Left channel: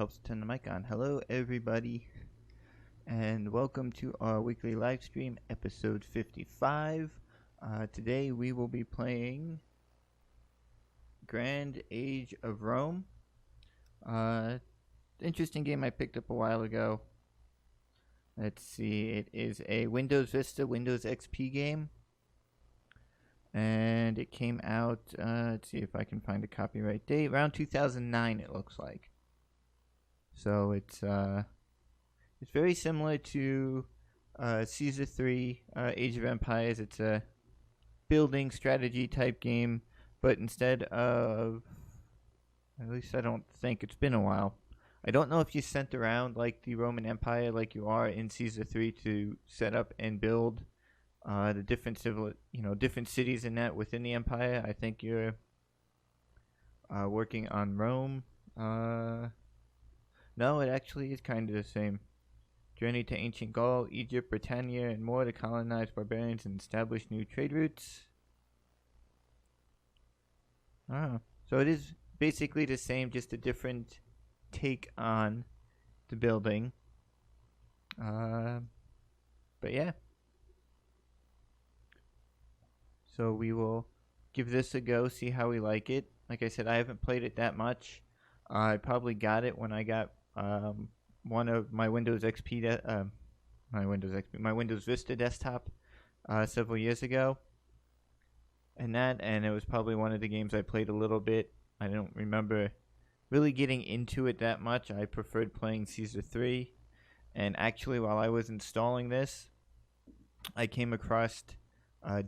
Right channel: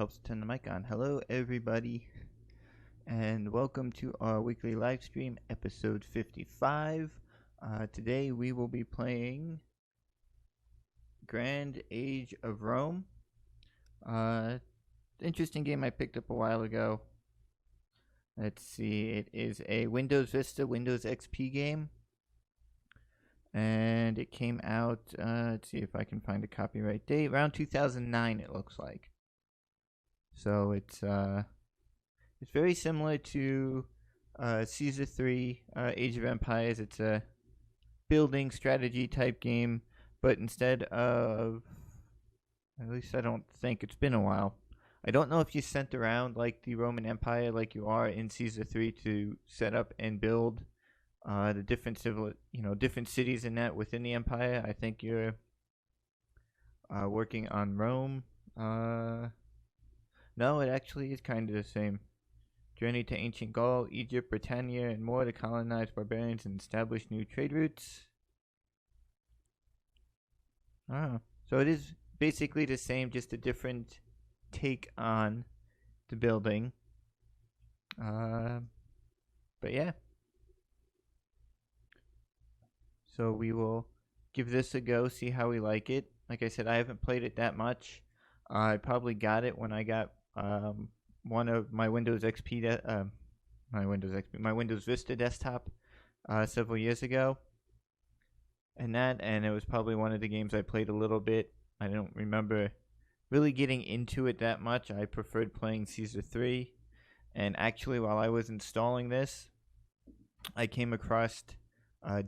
helps turn the mic on. Hello, everybody, and welcome to our weekly live stream, episode 55. Today we will be playing Grand Age of Rome. Interesting game I picked up a while ago. Let's see, it is a Windows Vista, Windows XP game. And it came out, let's see if I can find a copyright date, around 2009 it looks like. So it's very similar to Caesar 3, Age of Empires. It's a building strategy type game, but instead of, at least I don't think, it's been a while. I don't know if you sent around like the Roman Empire like you are in Caesar 3 to set up and build the different different cities in that within the empire. I think you're working on Rome. No, it actually is kind of the same. Journey to ancient Gaul, Egypt, Britannia, and more to colonize barbarians and establish new trade routes. So it is basically the same, just a different take on the building. But yeah. So we will give this a go, see how we like it. Like I said, I haven't played it that much. I probably got it when I got one of my Windows XP, my Windows Vista desktop several years ago. And it was probably one of the games I played a little bit. I don't remember really getting into it that much. I preferred playing Caesar 3. And actually, while I was installing this, I came across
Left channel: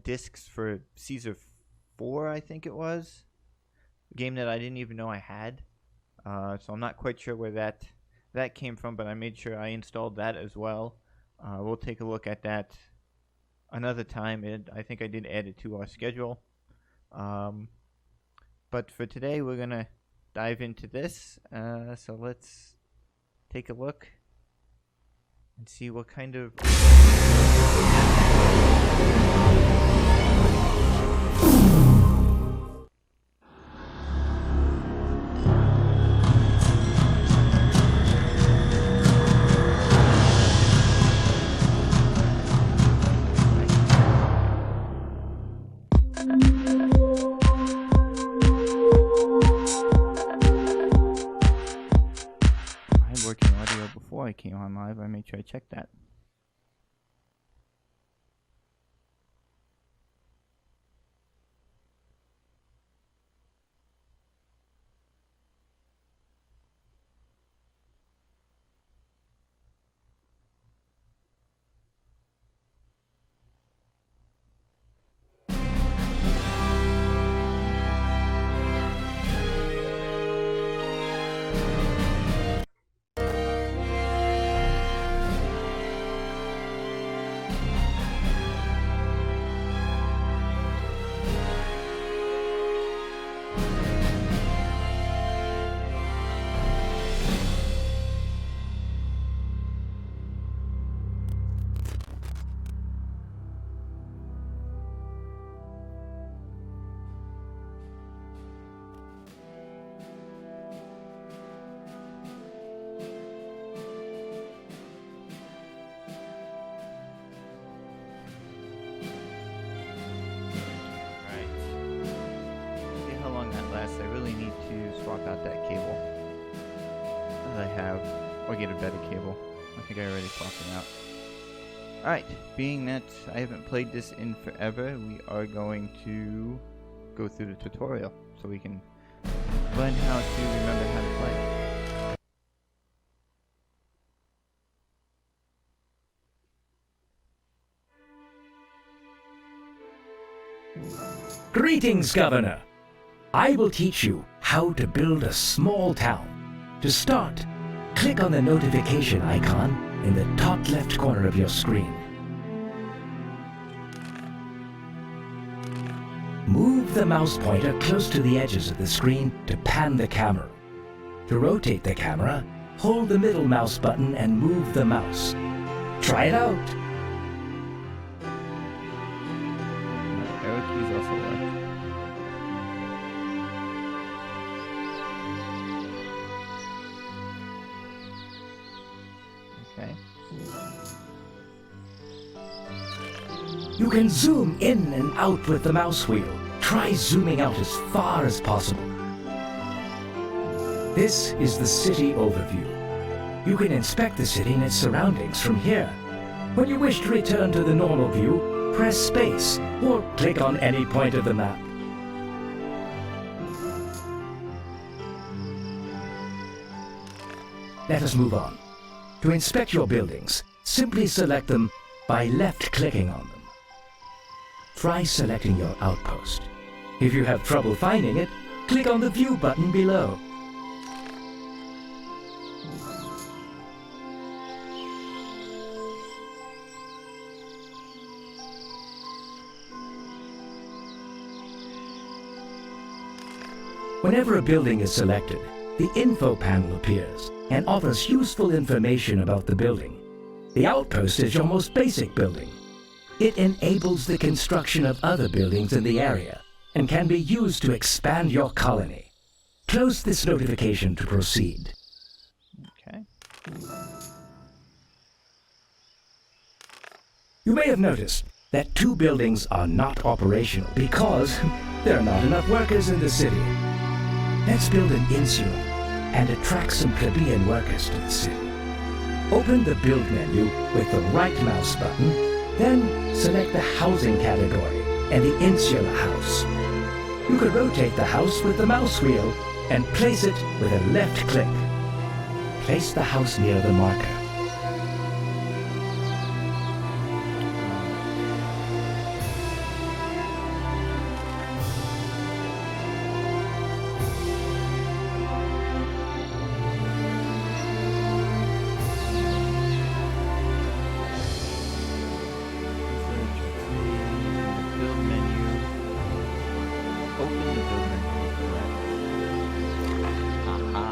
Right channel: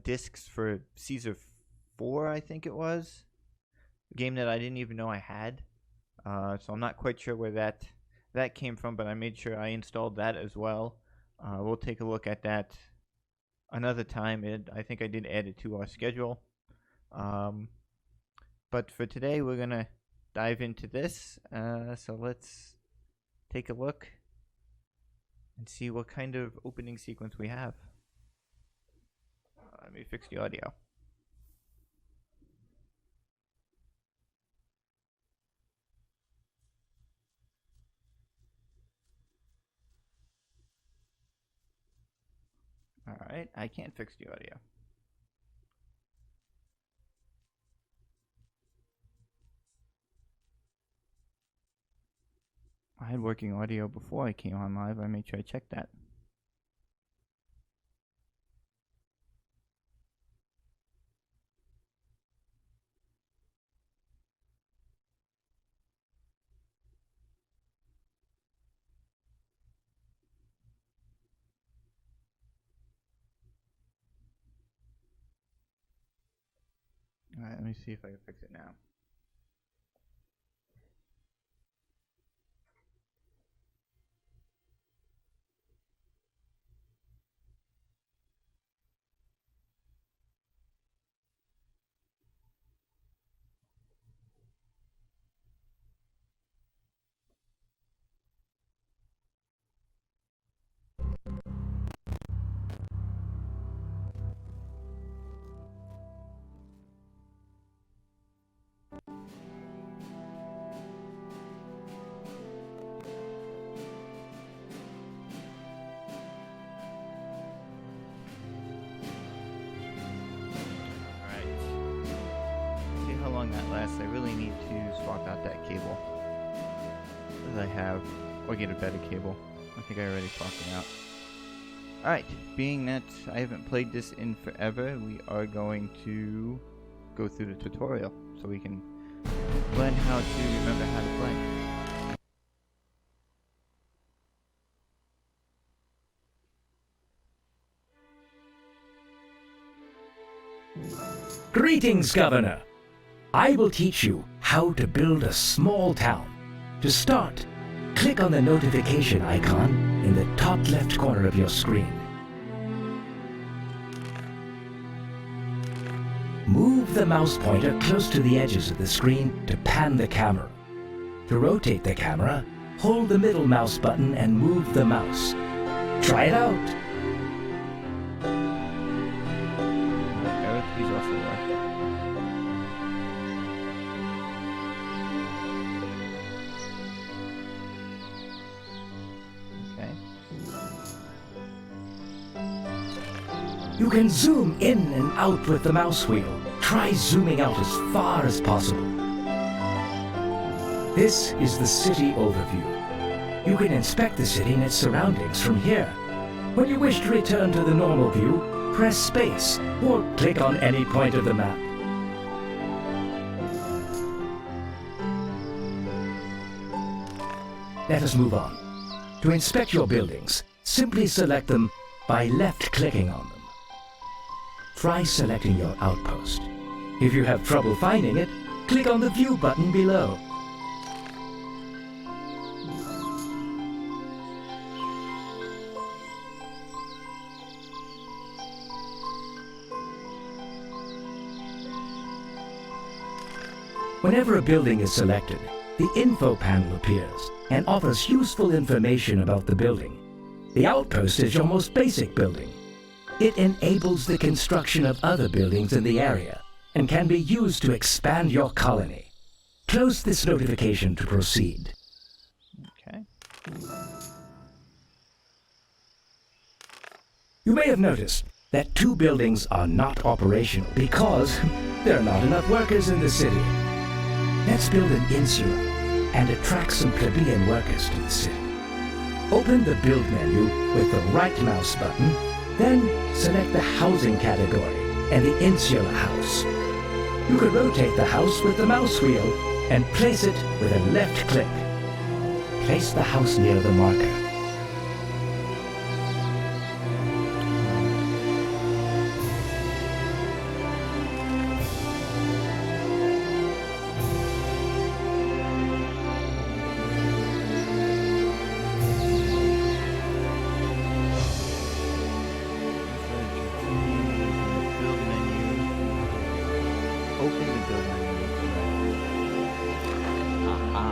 discs for Caesar 4, I think it was. A game that I didn't even know I had. So I'm not quite sure where that came from, but I made sure I installed that as well. We'll take a look at that another time. I think I did add it to our schedule. But for today, we're going to dive into this. So let's take a look and see what kind of... working audio before I came on live. I made sure I checked that. How long that lasts. I really need to swap out that cable that I have, or get a better cable. I think I already swapped it out. Alright, being that I haven't played this in forever, we are going to go through the tutorial so we can learn how to remember how to play. Greetings, Governor! I will teach you how to build a small town. To start, click on the notification icon in the top left corner of your screen. Move the mouse pointer close to the edges of the screen to pan the camera. To rotate the camera, hold the middle mouse button and move the mouse. Try it out! Arrow keys also work. You can zoom in and out with the mouse wheel. Try zooming out as far as possible. This is the city overview. You can inspect the city and its surroundings from here. When you wish to return to the normal view, press space or click on any point of the map. Let us move on. To inspect your buildings, simply select them by left-clicking on them. Try selecting your outpost. If you have trouble finding it, click on the View button below. Whenever a building is selected, the info panel appears and offers useful information about the building. The outpost is your most basic building. It enables the construction of other buildings in the area and can be used to expand your colony. Close this notification to proceed. Okay. You may have noticed that 2 buildings are not operational because there are not enough workers in the city. Let's build an insula and attract some plebeian workers to the city. Open the Build menu with the right mouse button, then select the Housing category and the Insula house. You could rotate the house with the mouse wheel and place it with a left click. Place the house near the marker. Build menu. Open the build menu with the right. Aha.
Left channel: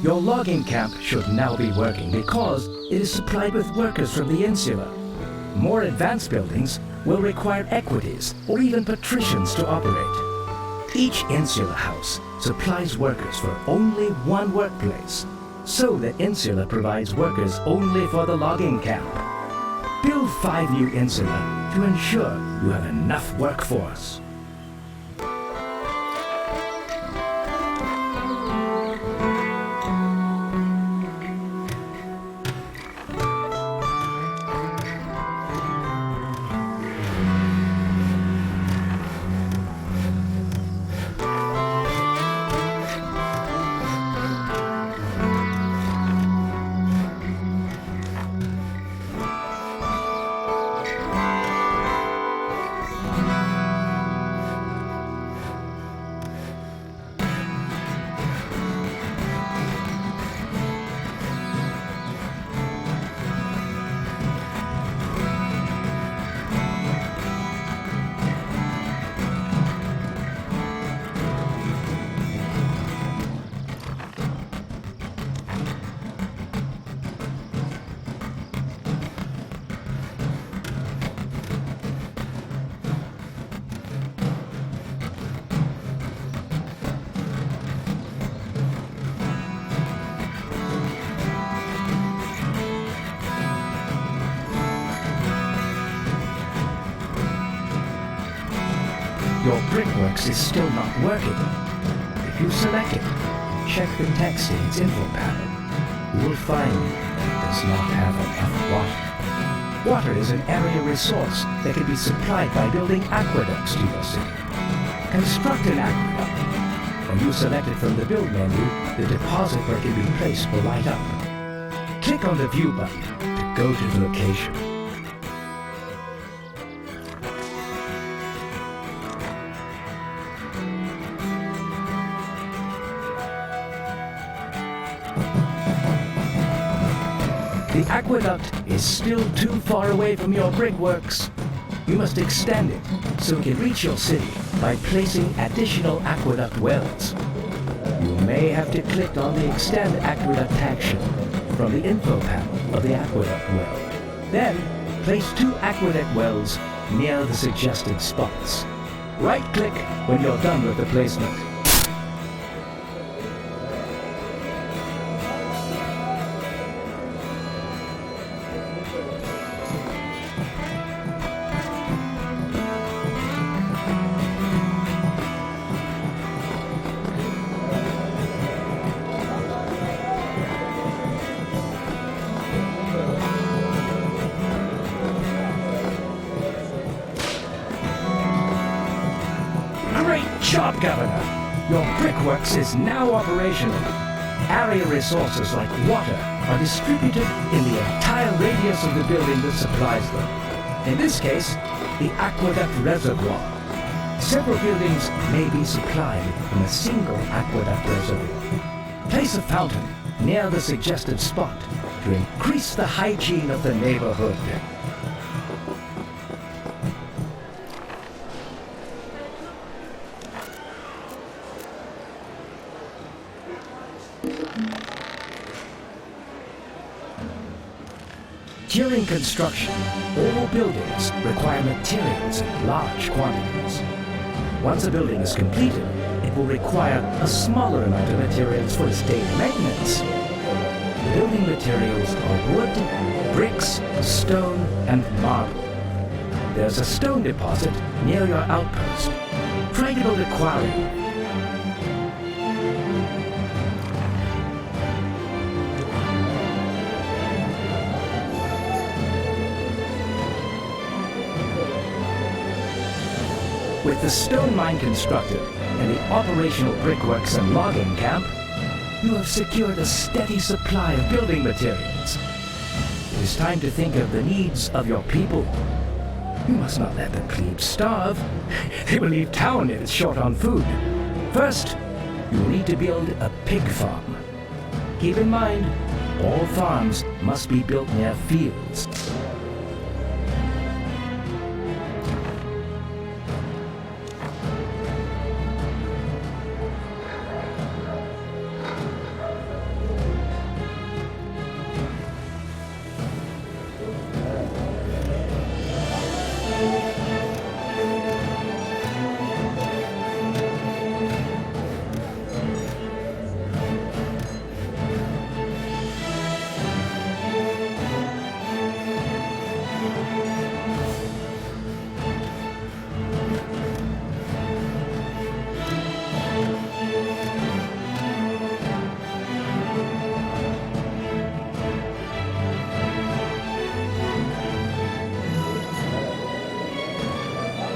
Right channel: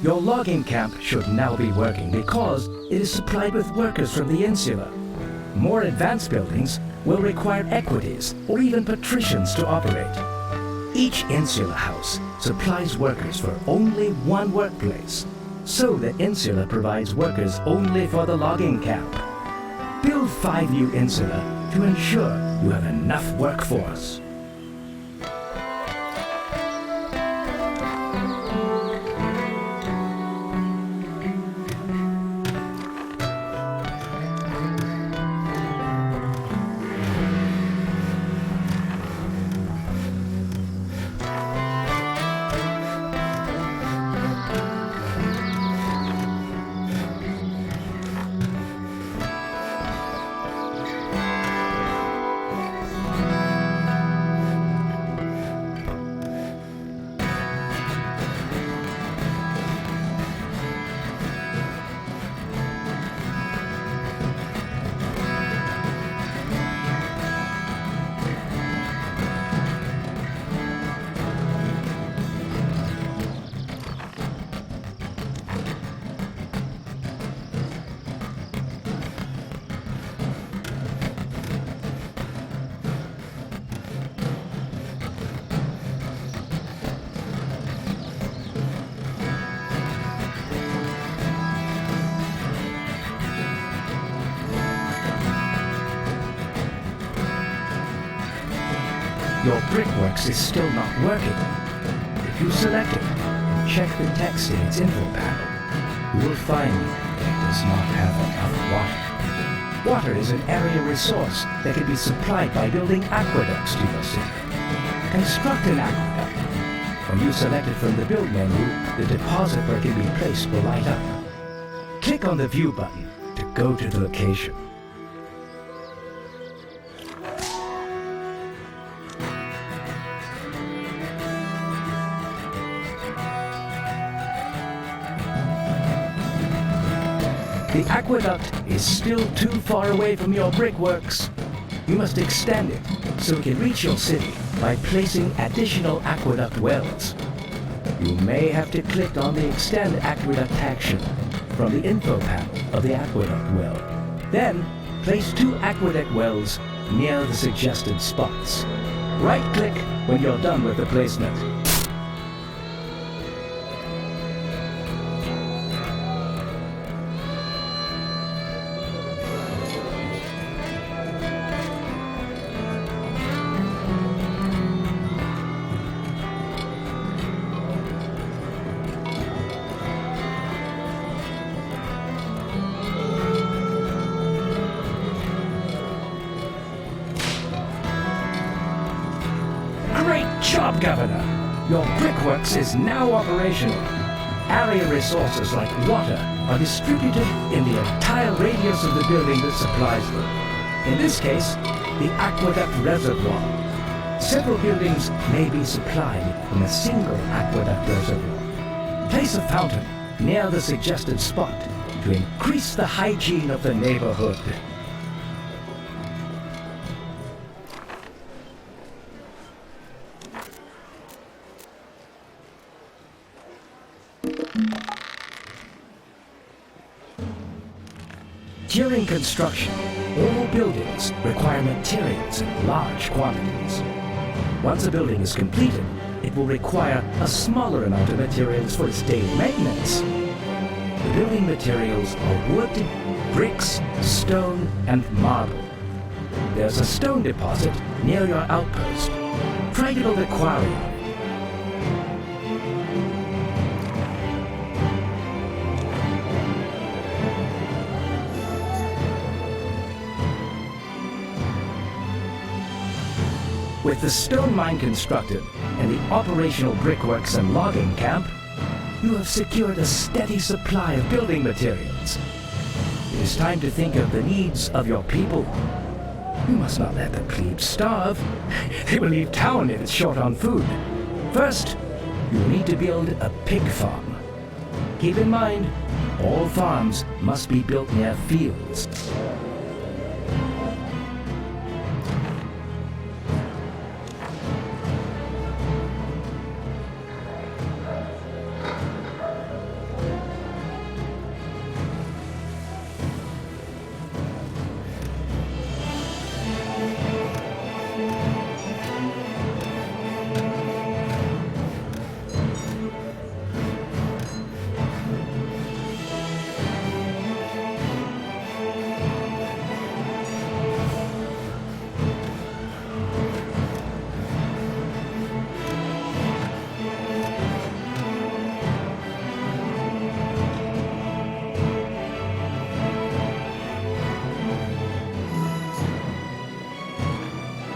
Your logging camp should now be working because it is supplied with workers from the insula. More advanced buildings will require equities or even patricians to operate. Each insula house supplies workers for only one workplace, so the insula provides workers only for the logging camp. Build 5 new insula to ensure you have enough workforce. Your brickworks is still not working. If you select it and check the text in its info panel, you will find that it does not have enough water. Water is an area resource that can be supplied by building aqueducts to your city. Construct an aqueduct. When you select it from the Build menu, the deposit where it can be placed will light up. Click on the View button to go to the location. the aqueduct is still too far away from your brickworks. You must extend it so it can reach your city by placing additional aqueduct wells. You may have to click on the Extend Aqueduct action from the info panel of the aqueduct well. Then, place 2 aqueduct wells near the suggested spots. Right-click when you're done with the placement. Great job, Governor! Your brickworks is now operational. Area resources like water are distributed in the entire radius of the building that supplies them. In this case, the aqueduct reservoir. Several buildings may be supplied from a single aqueduct reservoir. Place a fountain near the suggested spot to increase the hygiene of the neighborhood. During construction, all buildings require materials in large quantities. Once a building is completed, it will require a smaller amount of materials for its daily maintenance. The building materials are wood, bricks, stone, and marble. There's a stone deposit near your outpost. Try to build a quarry. With the stone mine constructed and the operational brickworks and logging camp, you have secured a steady supply of building materials. It is time to think of the needs of your people. You must not let the plebes starve. They will leave town if it's short on food. First, you will need to build a pig farm. Keep in mind, all farms must be built near fields.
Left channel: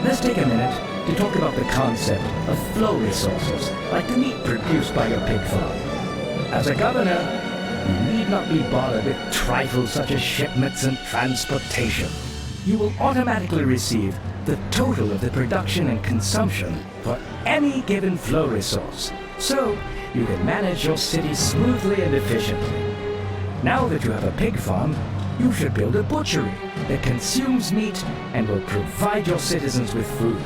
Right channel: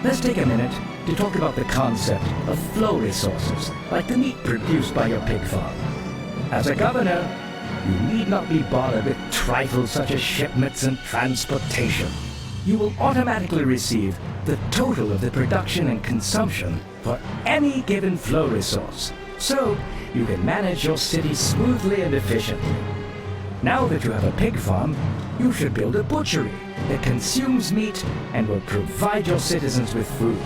Let's take a minute to talk about the concept of flow resources, like the meat produced by your pig farm. As a governor, you need not be bothered with trifles such as shipments and transportation. You will automatically receive the total of the production and consumption for any given flow resource, so you can manage your city smoothly and efficiently. Now that you have a pig farm, you should build a butchery that consumes meat and will provide your citizens with food.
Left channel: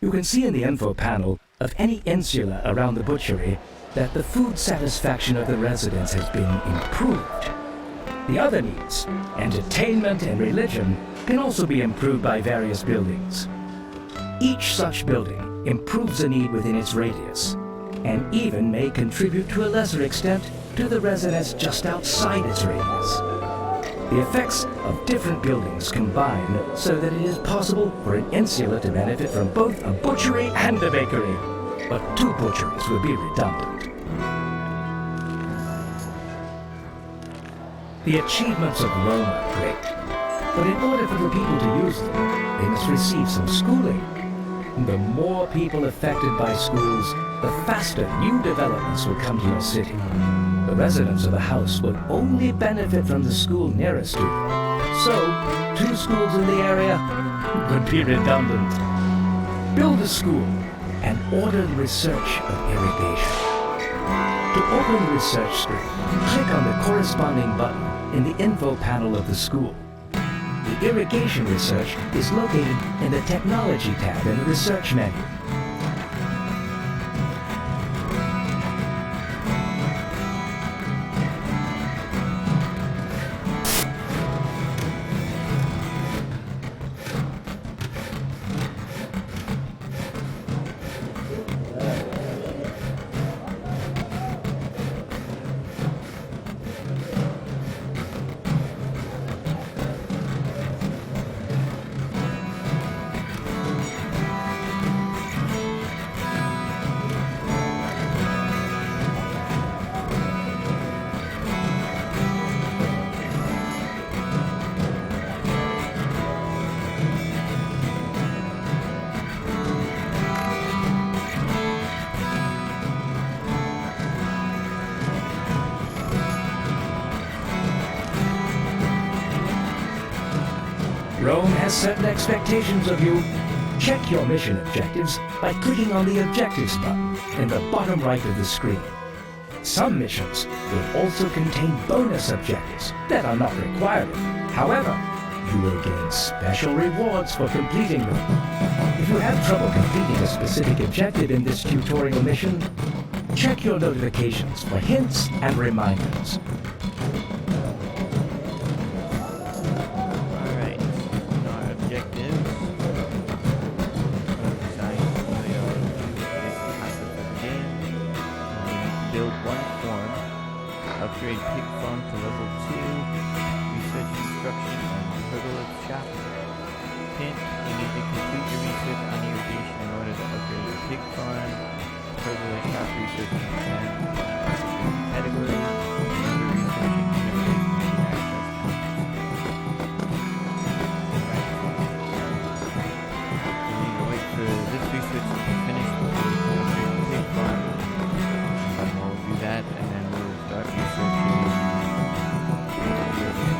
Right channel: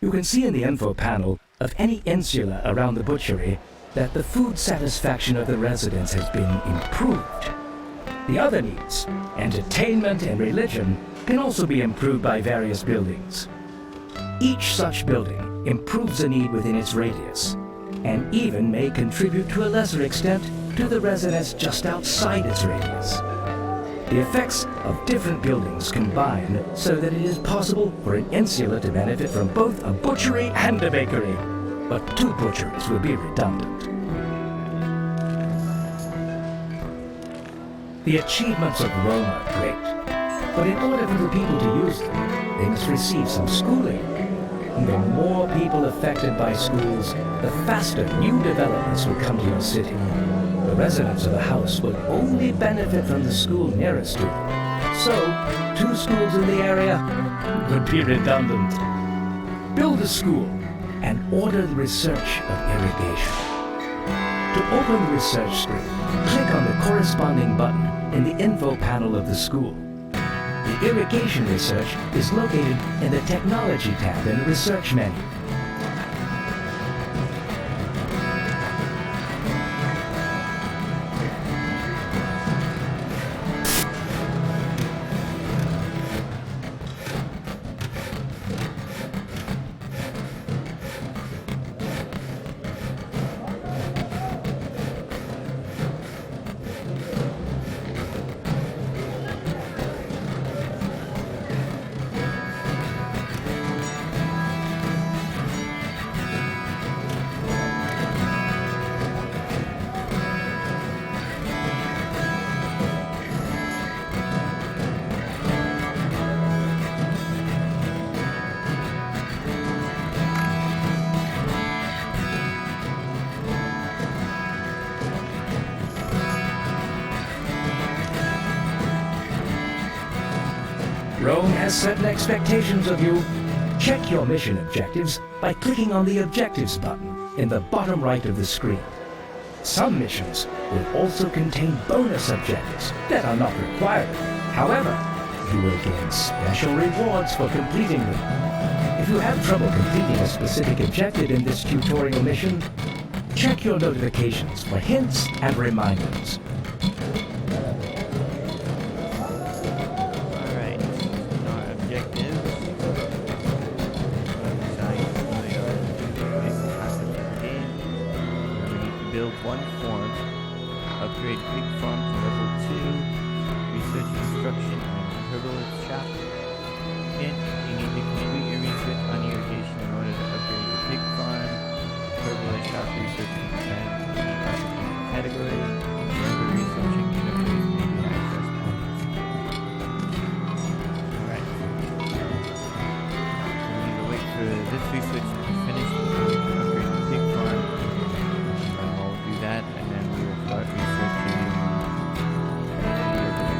You can see in the info panel of any insula around the butchery that the food satisfaction of the residents has been improved. The other needs, entertainment and religion, can also be improved by various buildings. Each such building improves a need within its radius, and even may contribute to a lesser extent to the residents just outside its radius. The effects of different buildings combine so that it is possible for an insula to benefit from both a butchery and a bakery. But two butcheries would be redundant. The achievements of Rome are great, but in order for the people to use them, they must receive some schooling. And the more people affected by schools, the faster new developments will come to your city. The residents of the house will only benefit from the school nearest to them. So, 2 schools in the area would be redundant. Build a school and order the research of irrigation. To open the research screen, click on the corresponding button in the info panel of the school. The irrigation research is located in the Technology tab in the Research menu. Rome has certain expectations of you. Check your mission objectives by clicking on the Objectives button in the bottom right of the screen. Some missions will also contain bonus objectives that are not required. However, you will gain special rewards for completing them. If you have trouble completing a specific objective in this tutorial mission, check your notifications for hints and reminders. Build 1 form, upgrade pig farm to level 2, research construction and herbalist shop. Hint, you need to complete your research on irrigation in order to upgrade your pig farm, herbalist shop research and category, remember researching interface media access. Alright. So we need to wait for this research to be finished before we can upgrade the pig farm. And we'll do that, and then we will start researching the urban.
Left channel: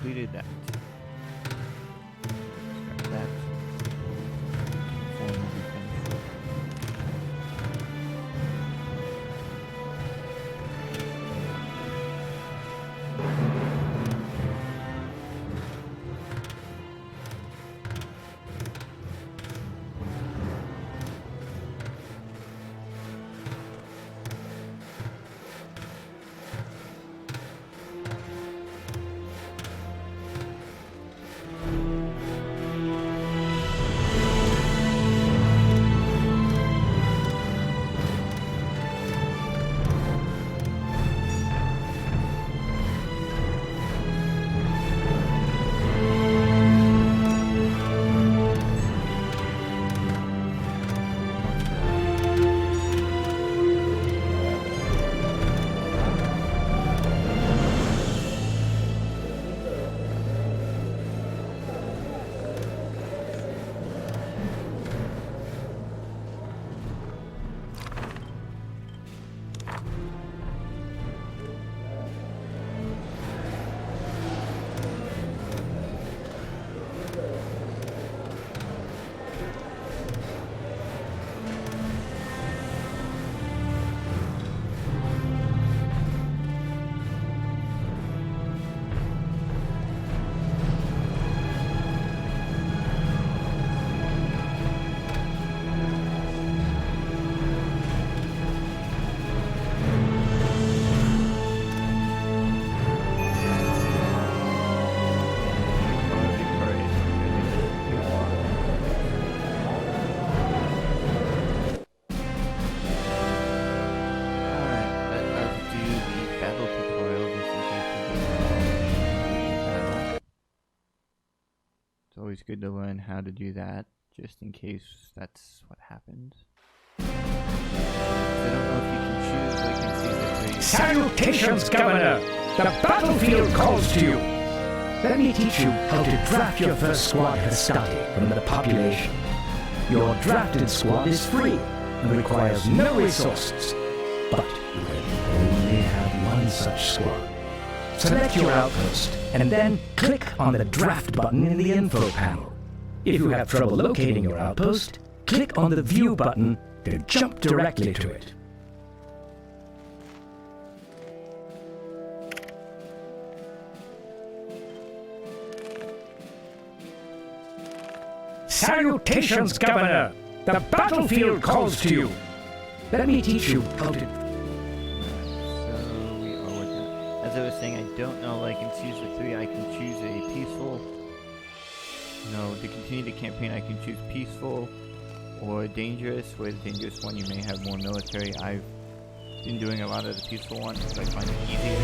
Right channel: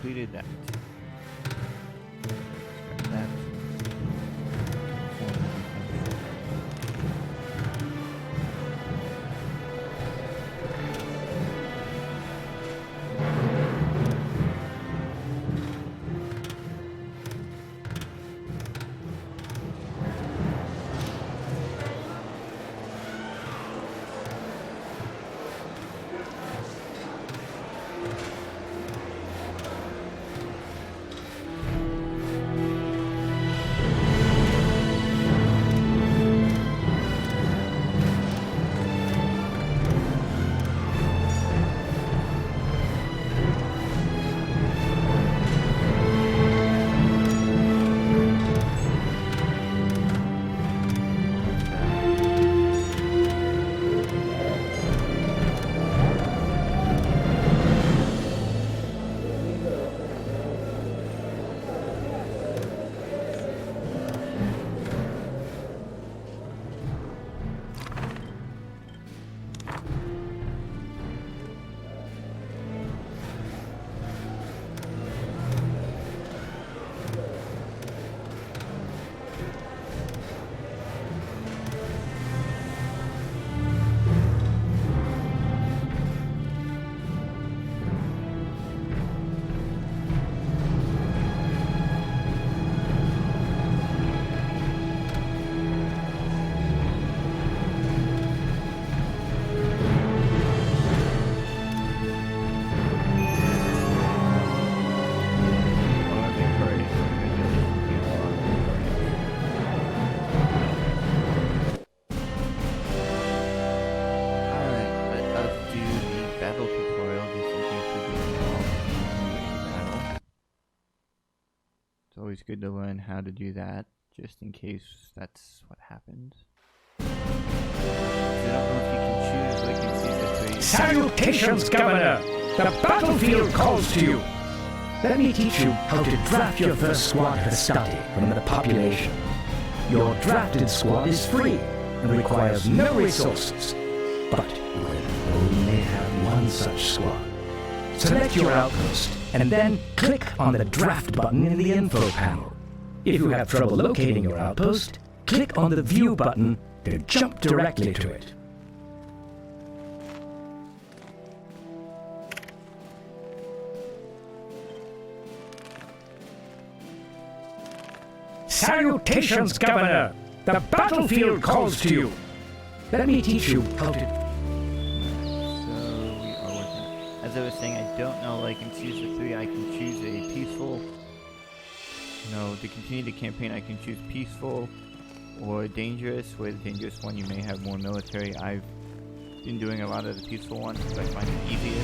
completed that. Scrap that. Form will be finished. Battle tutorial just in case we get involved in battle. It's always good to learn how to do that, just in case that's what happens. I don't know if you can choose like in Season 3. Salutations, Governor! The battlefield calls to you! Let me teach you how to draft your first squad Hastati from the population. Your drafted squad is free and requires no resources. But you can only have one such squad. Select your outpost and then click on the draft button in the info panel. If you have trouble locating your outpost, click on the view button to jump directly to it. Salutations, Governor! The battlefield calls to you! Let me teach you how to... So we are working on... As I was saying, I don't know, like in Season 3, I can choose a peaceful... No, to continue the campaign, I can choose peaceful or dangerous. Where the dangerous one, you may have more military. I've been doing a lot of the peaceful one because I find it easier.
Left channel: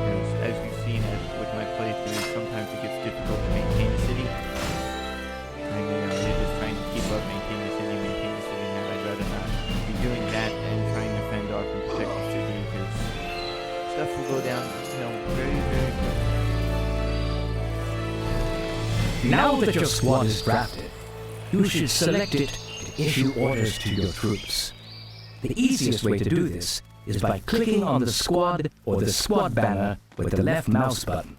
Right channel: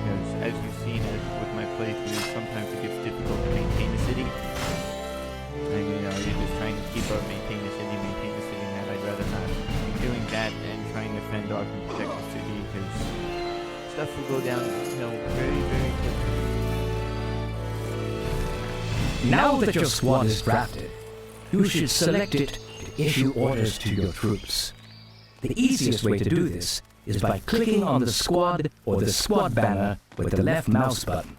Because as you've seen with my playthroughs, sometimes it gets difficult to maintain a city. And you're just trying to keep up, maintain the city, and that I'd rather not be doing that than trying to fend off and protect the city, because stuff will go downhill very, very quickly. Now that your squad is drafted, you should select it to issue orders to your troops. The easiest way to do this is by clicking on the squad or the squad banner with the left mouse button.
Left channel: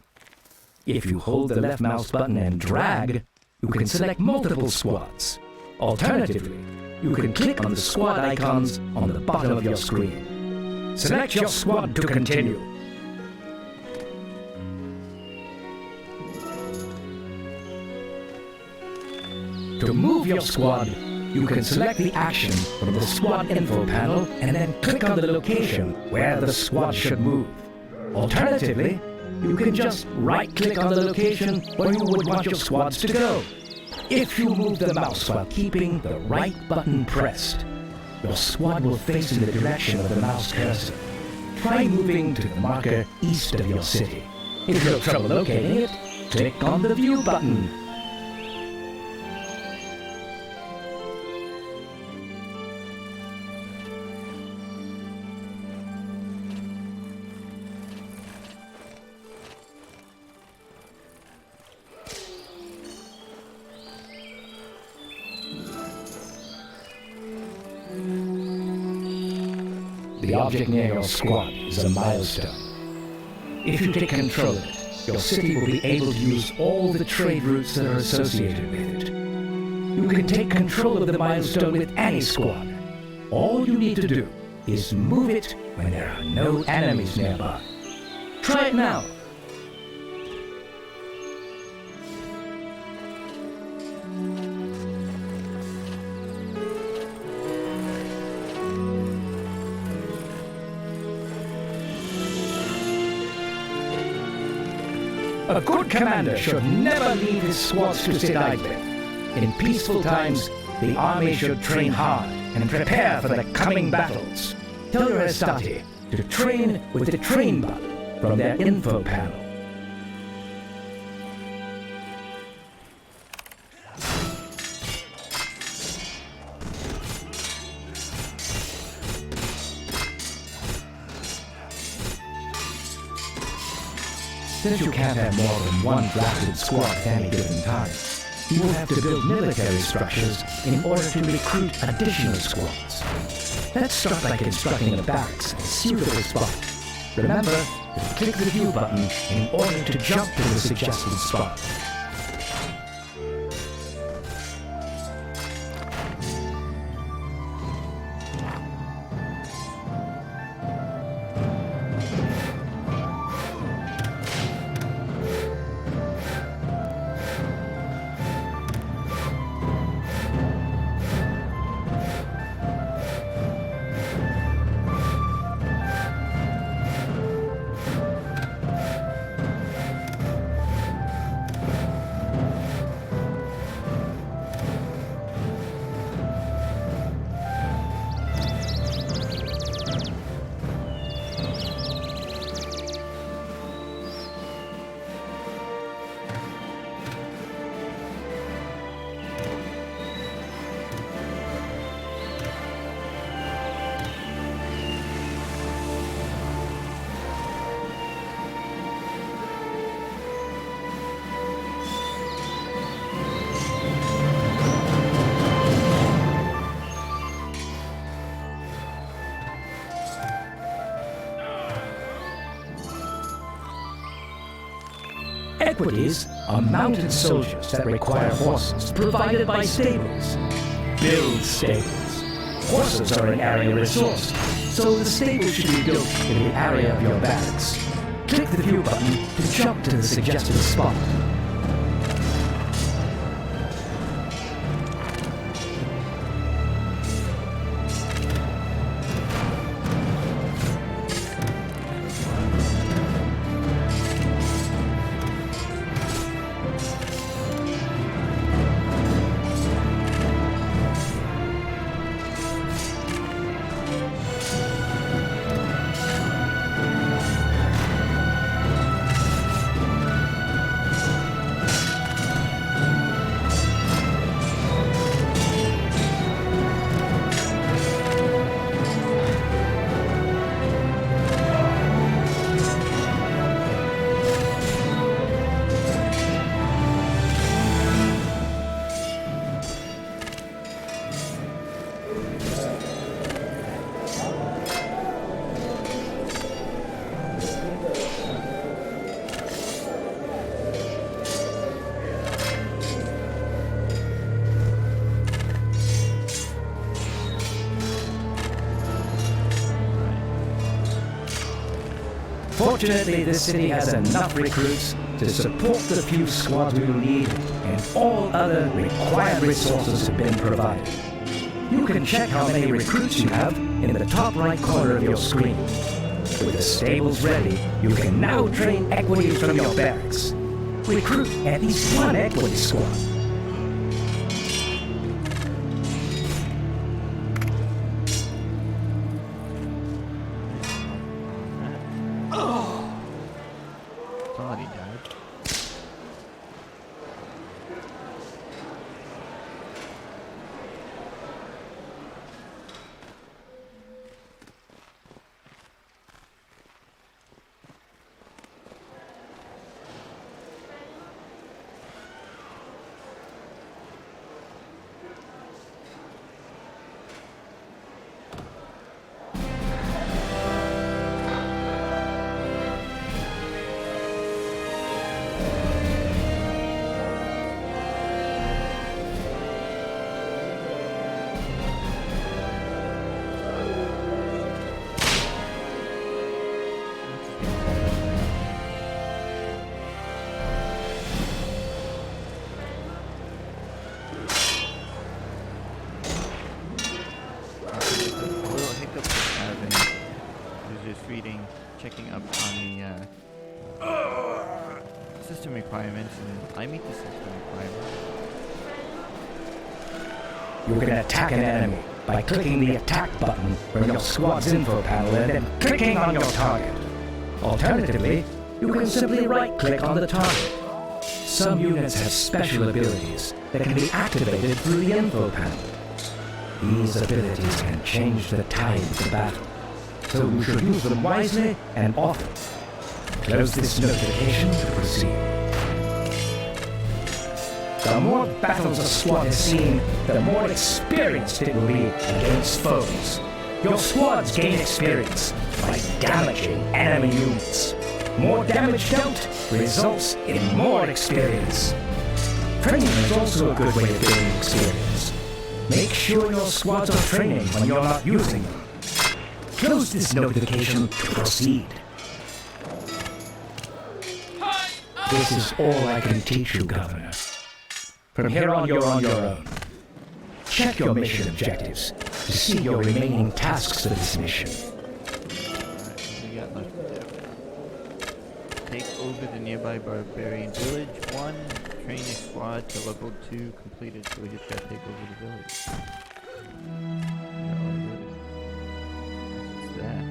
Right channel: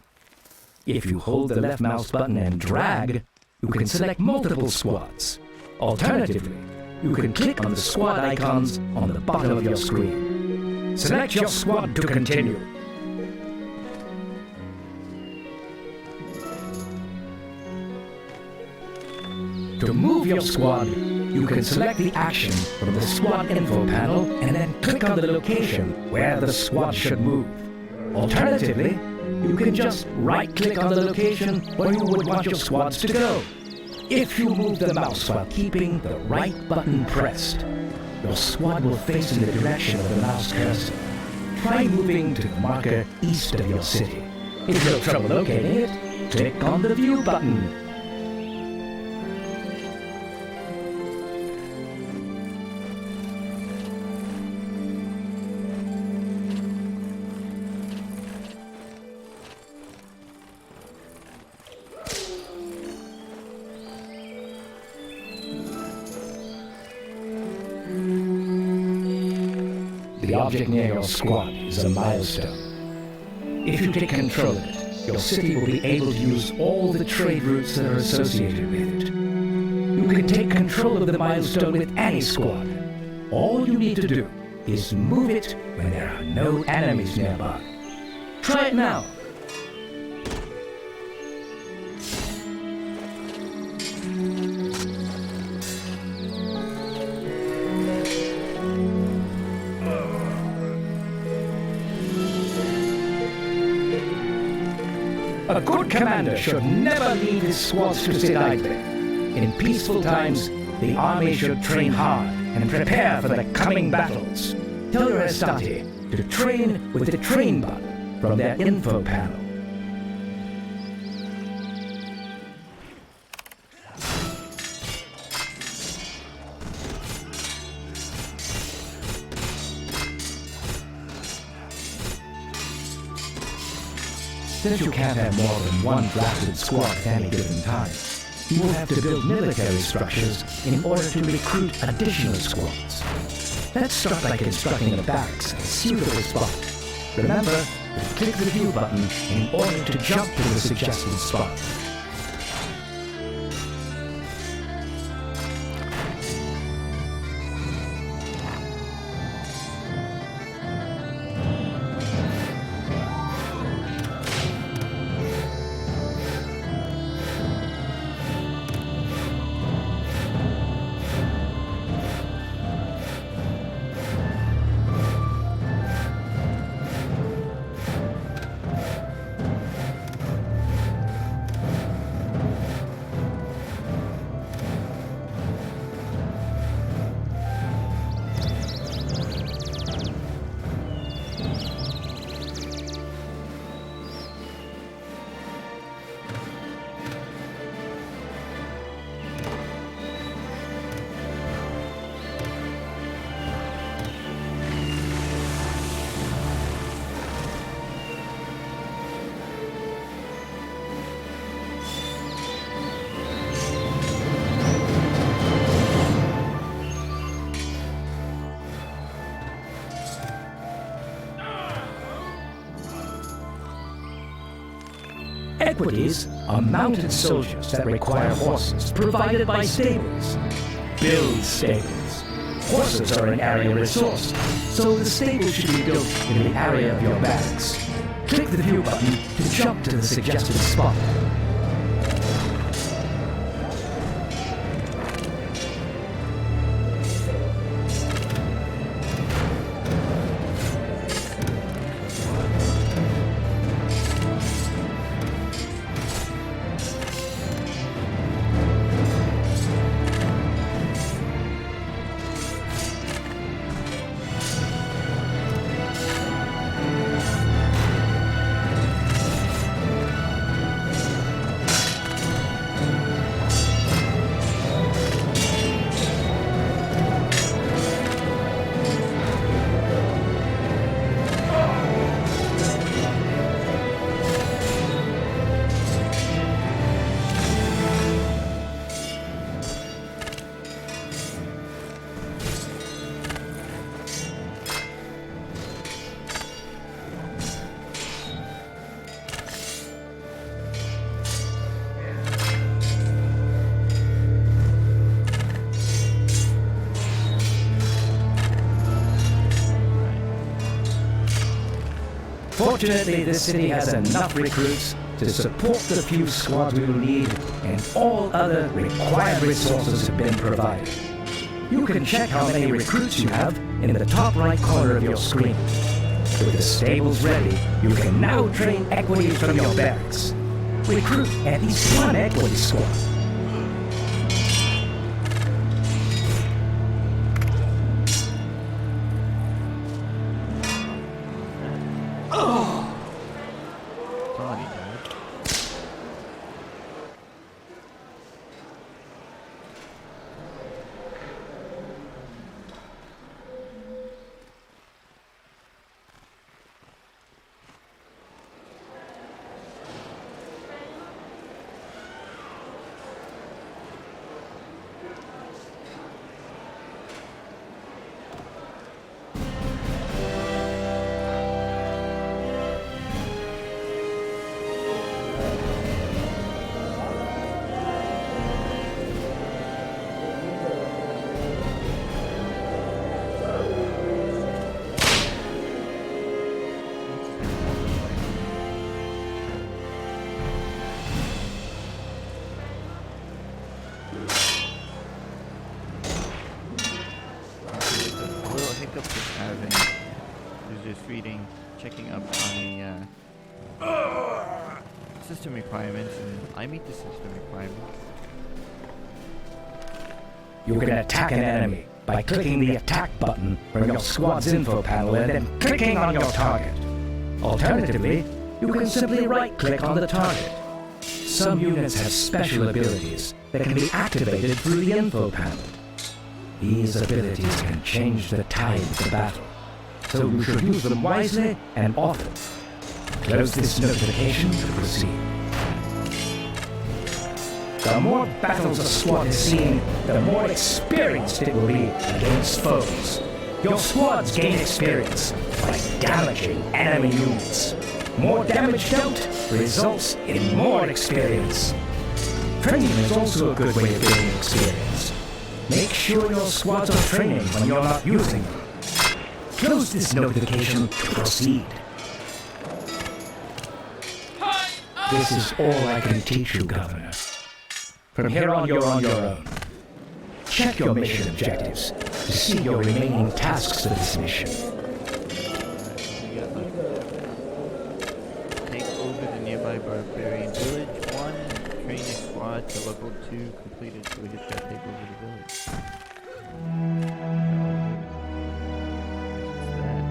If you hold the left mouse button and drag, you can select multiple squads. Alternatively, you can click on the squad icons on the bottom of your screen. Select your squad to continue. To move your squad, you can select the action from the squad info panel and then click on the location where the squad should move. Alternatively, you can just right-click on the location where you would want your squads to go. If you move the mouse while keeping the right button pressed, your squad will face in the direction of the mouse cursor. Try moving to the marker east of your city. If you have trouble locating it, click on the view button. The object near your squad is a milestone. If you take control of it, your city will be able to use all the trade routes that are associated with it. You can take control of the milestone with any squad. All you need to do is move it when there are no enemies nearby. Try it now. A good commander should never leave his squads to sit idly. In peaceful times, the army should train hard and prepare for the coming battles. Tell your Astati to train with the train button from their info panel. Since you can't have more than one drafted squad at any given time, you will have to build military structures in order to recruit additional squads. Let's start by constructing a barracks at a suitable spot. Remember to click the view button in order to jump to the suggested spot. Equities are mounted soldiers that require horses provided by stables. Build stables. Horses are an area resource, so the stable should be built in the area of your barracks. Click the view button to jump to the suggested spot. Fortunately, this city has enough recruits to support the few squads we will need, and all other required resources have been provided. You can check how many recruits you have in the top right corner of your screen. With the stables ready, you can now train equities from your barracks. Recruit at least one equity squad. Thought he died. system requirements, and I meet the system requirements. You can attack an enemy by clicking the attack button from your squad's info panel and then clicking on your target. Alternatively, you can simply right-click on the target. Some units have special abilities that can be activated through the info panel. These abilities can change the tide of the battle, so you should use them wisely and often. Close this notification to proceed. The more battles a squad has seen, the more experienced it will be against foes. Your squads gain experience by damaging enemy units. More damage dealt results in more experience. Training is also a good way of gaining experience. Make sure your squads are training when you're not using them. Close this notification to proceed. This is all I can teach you, Governor. From here on, you're on your own. Check your mission objectives to see your remaining tasks for this mission. We got like take over the nearby barbarian village. 1. Train a squad to level 2 completed, so we just gotta take over the village. What is that?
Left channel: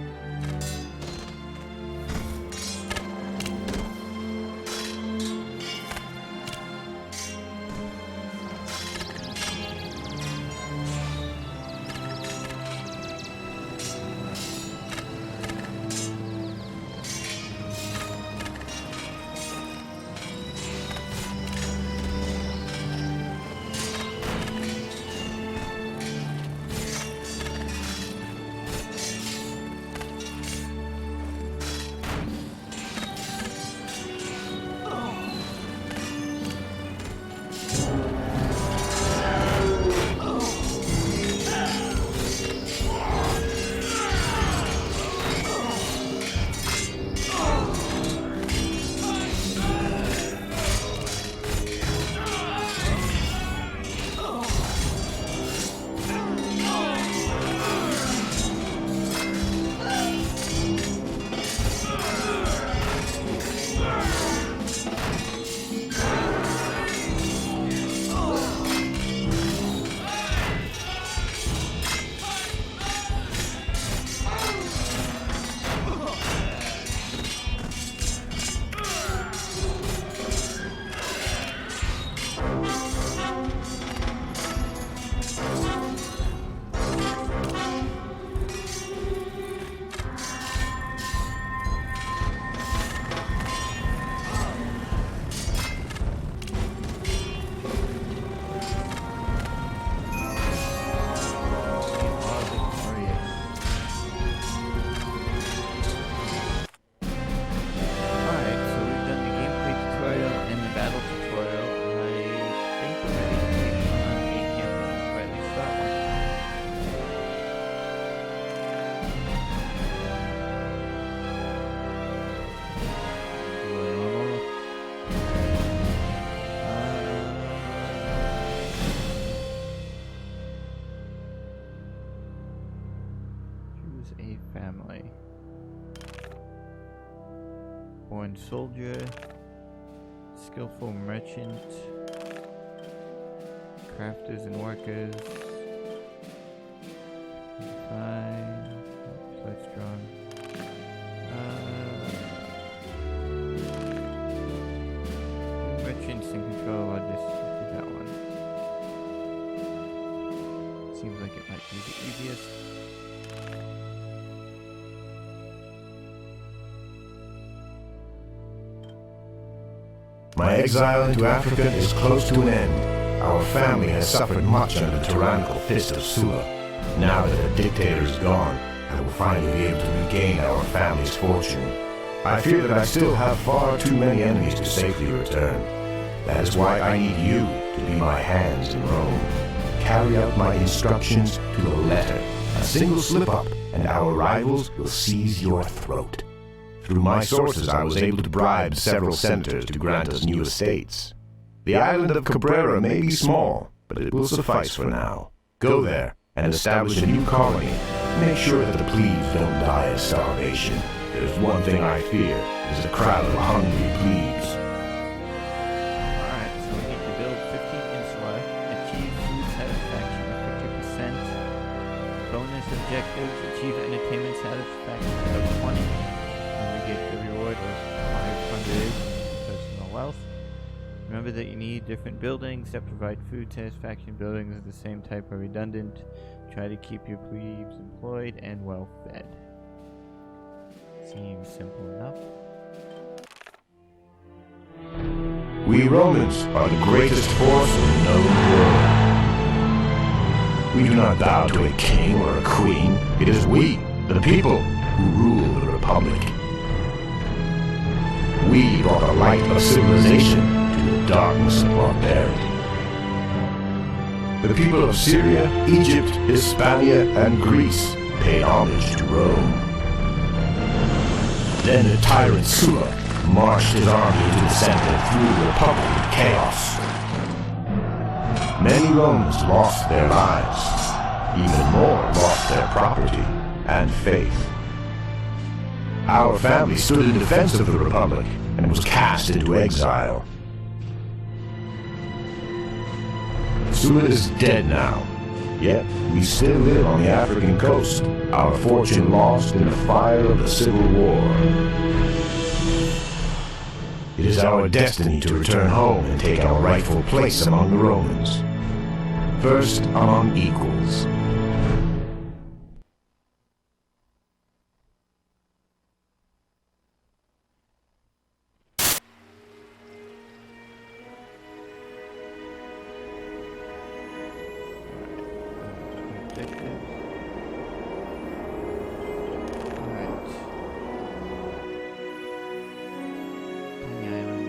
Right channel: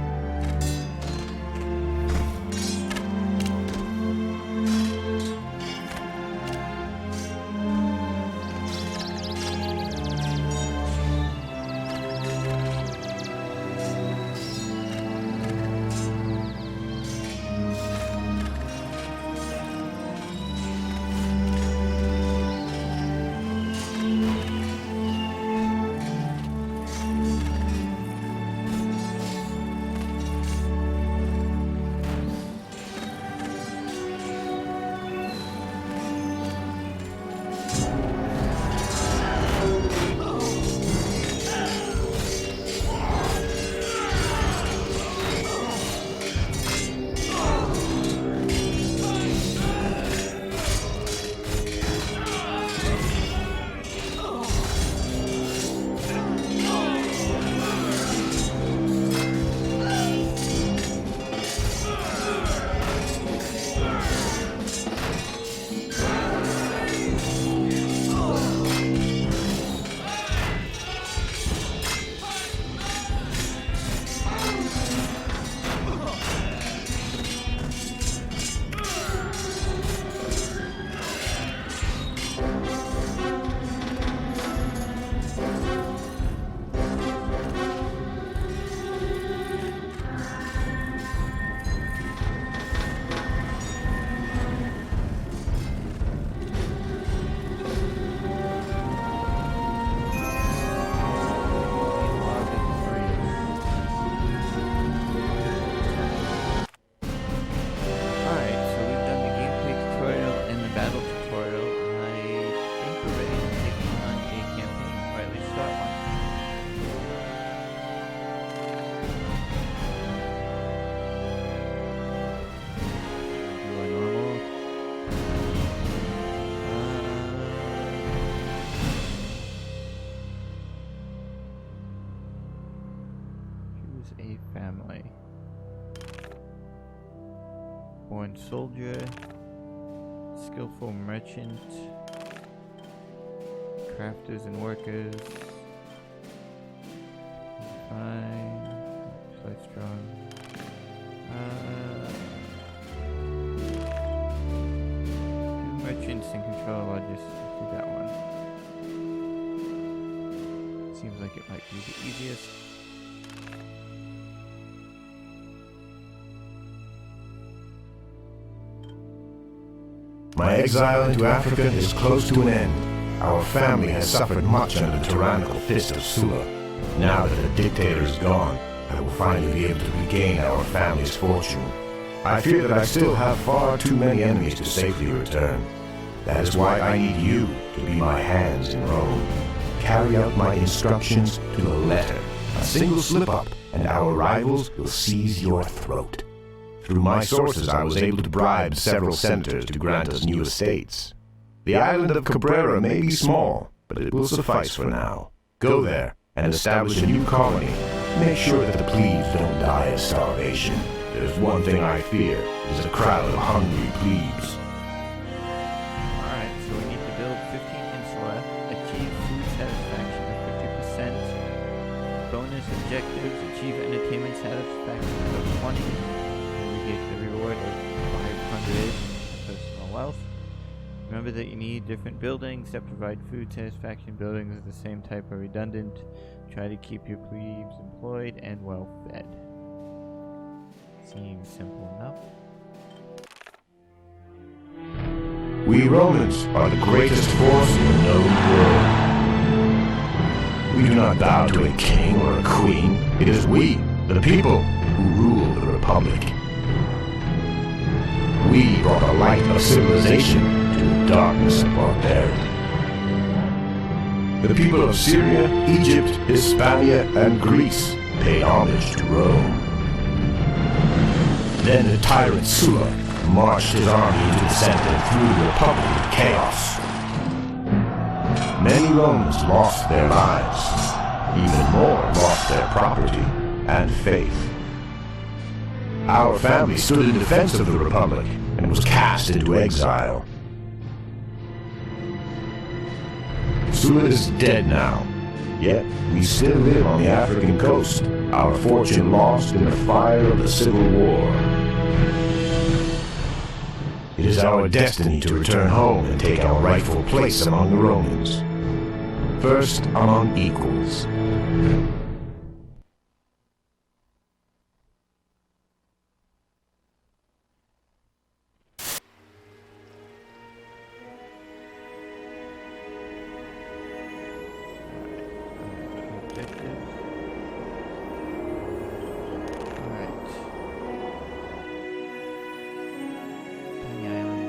Alright, so we've done the gameplay tutorial and the battle tutorial. I think we're ready to take on a campaign, or at least start one. Do a normal. Choose a family. Born soldier, skillful merchant, crafters and workers, fine, slight strong, do merchants in control, I'll just do that one. Seems like it might be the easiest. My exile into Africa is close to an end. Our family has suffered much under the tyrannical fist of Sulla. Now that the dictator is gone, I will finally be able to regain our family's fortune. I fear that I still have far too many enemies to safely return. That is why I need you to be my hands in Rome. Carry out my instructions to the letter. A single slip-up, and our rivals will seize your throat. Through my sources, I was able to bribe several senators to grant us new estates. The island of Cabrera may be small, but it will suffice for now. Go there and establish a new colony. Make sure that the plebes don't die of starvation. There's one thing I fear, it is a crowd of hungry plebes. 15 insula. Achieve food satisfaction of 50%. Bonus objectives. Achieve entertainment satisfaction of 20. And we get the reward of 500 personal wealth. Remember that you need different buildings that provide food satisfaction. Buildings of the same type are redundant. Try to keep your plebes employed and well fed. Seems simple enough. We Romans are the greatest force in the known world. We do not bow to a king or a queen. It is we, the people, who rule the Republic. We brought the light of civilization to the darkness of barbarity. The people of Syria, Egypt, Hispania, and Greece paid homage to Rome. Then the tyrant Sulla marched his army into the center and threw the Republic into chaos. Many Romans lost their lives. Even more lost their property and faith. Our family stood in defense of the Republic and was cast into exile. Sulla is dead now, yet we still live on the African coast, our fortune lost in the fire of the Civil War. It is our destiny to return home and take our rightful place among the Romans. First among equals. Objectives. Alright. Tiny Island.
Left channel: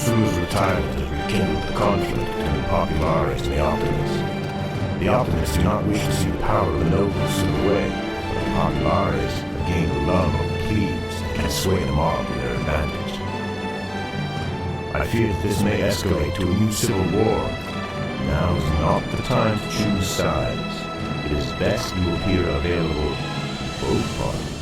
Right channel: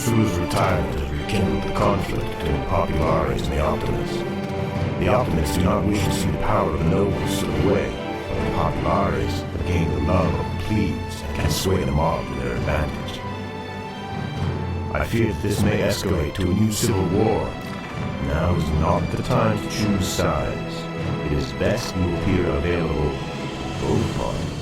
Sula's retirement has rekindled the conflict between Populares and the Optimists. The Optimists do not wish to see the power of the nobles slip away, but the Populares have gained the love of the plebes and can sway the mob to their advantage. I fear that this may escalate to a new civil war. Now is not the time to choose sides. It is best you appear available to both parties.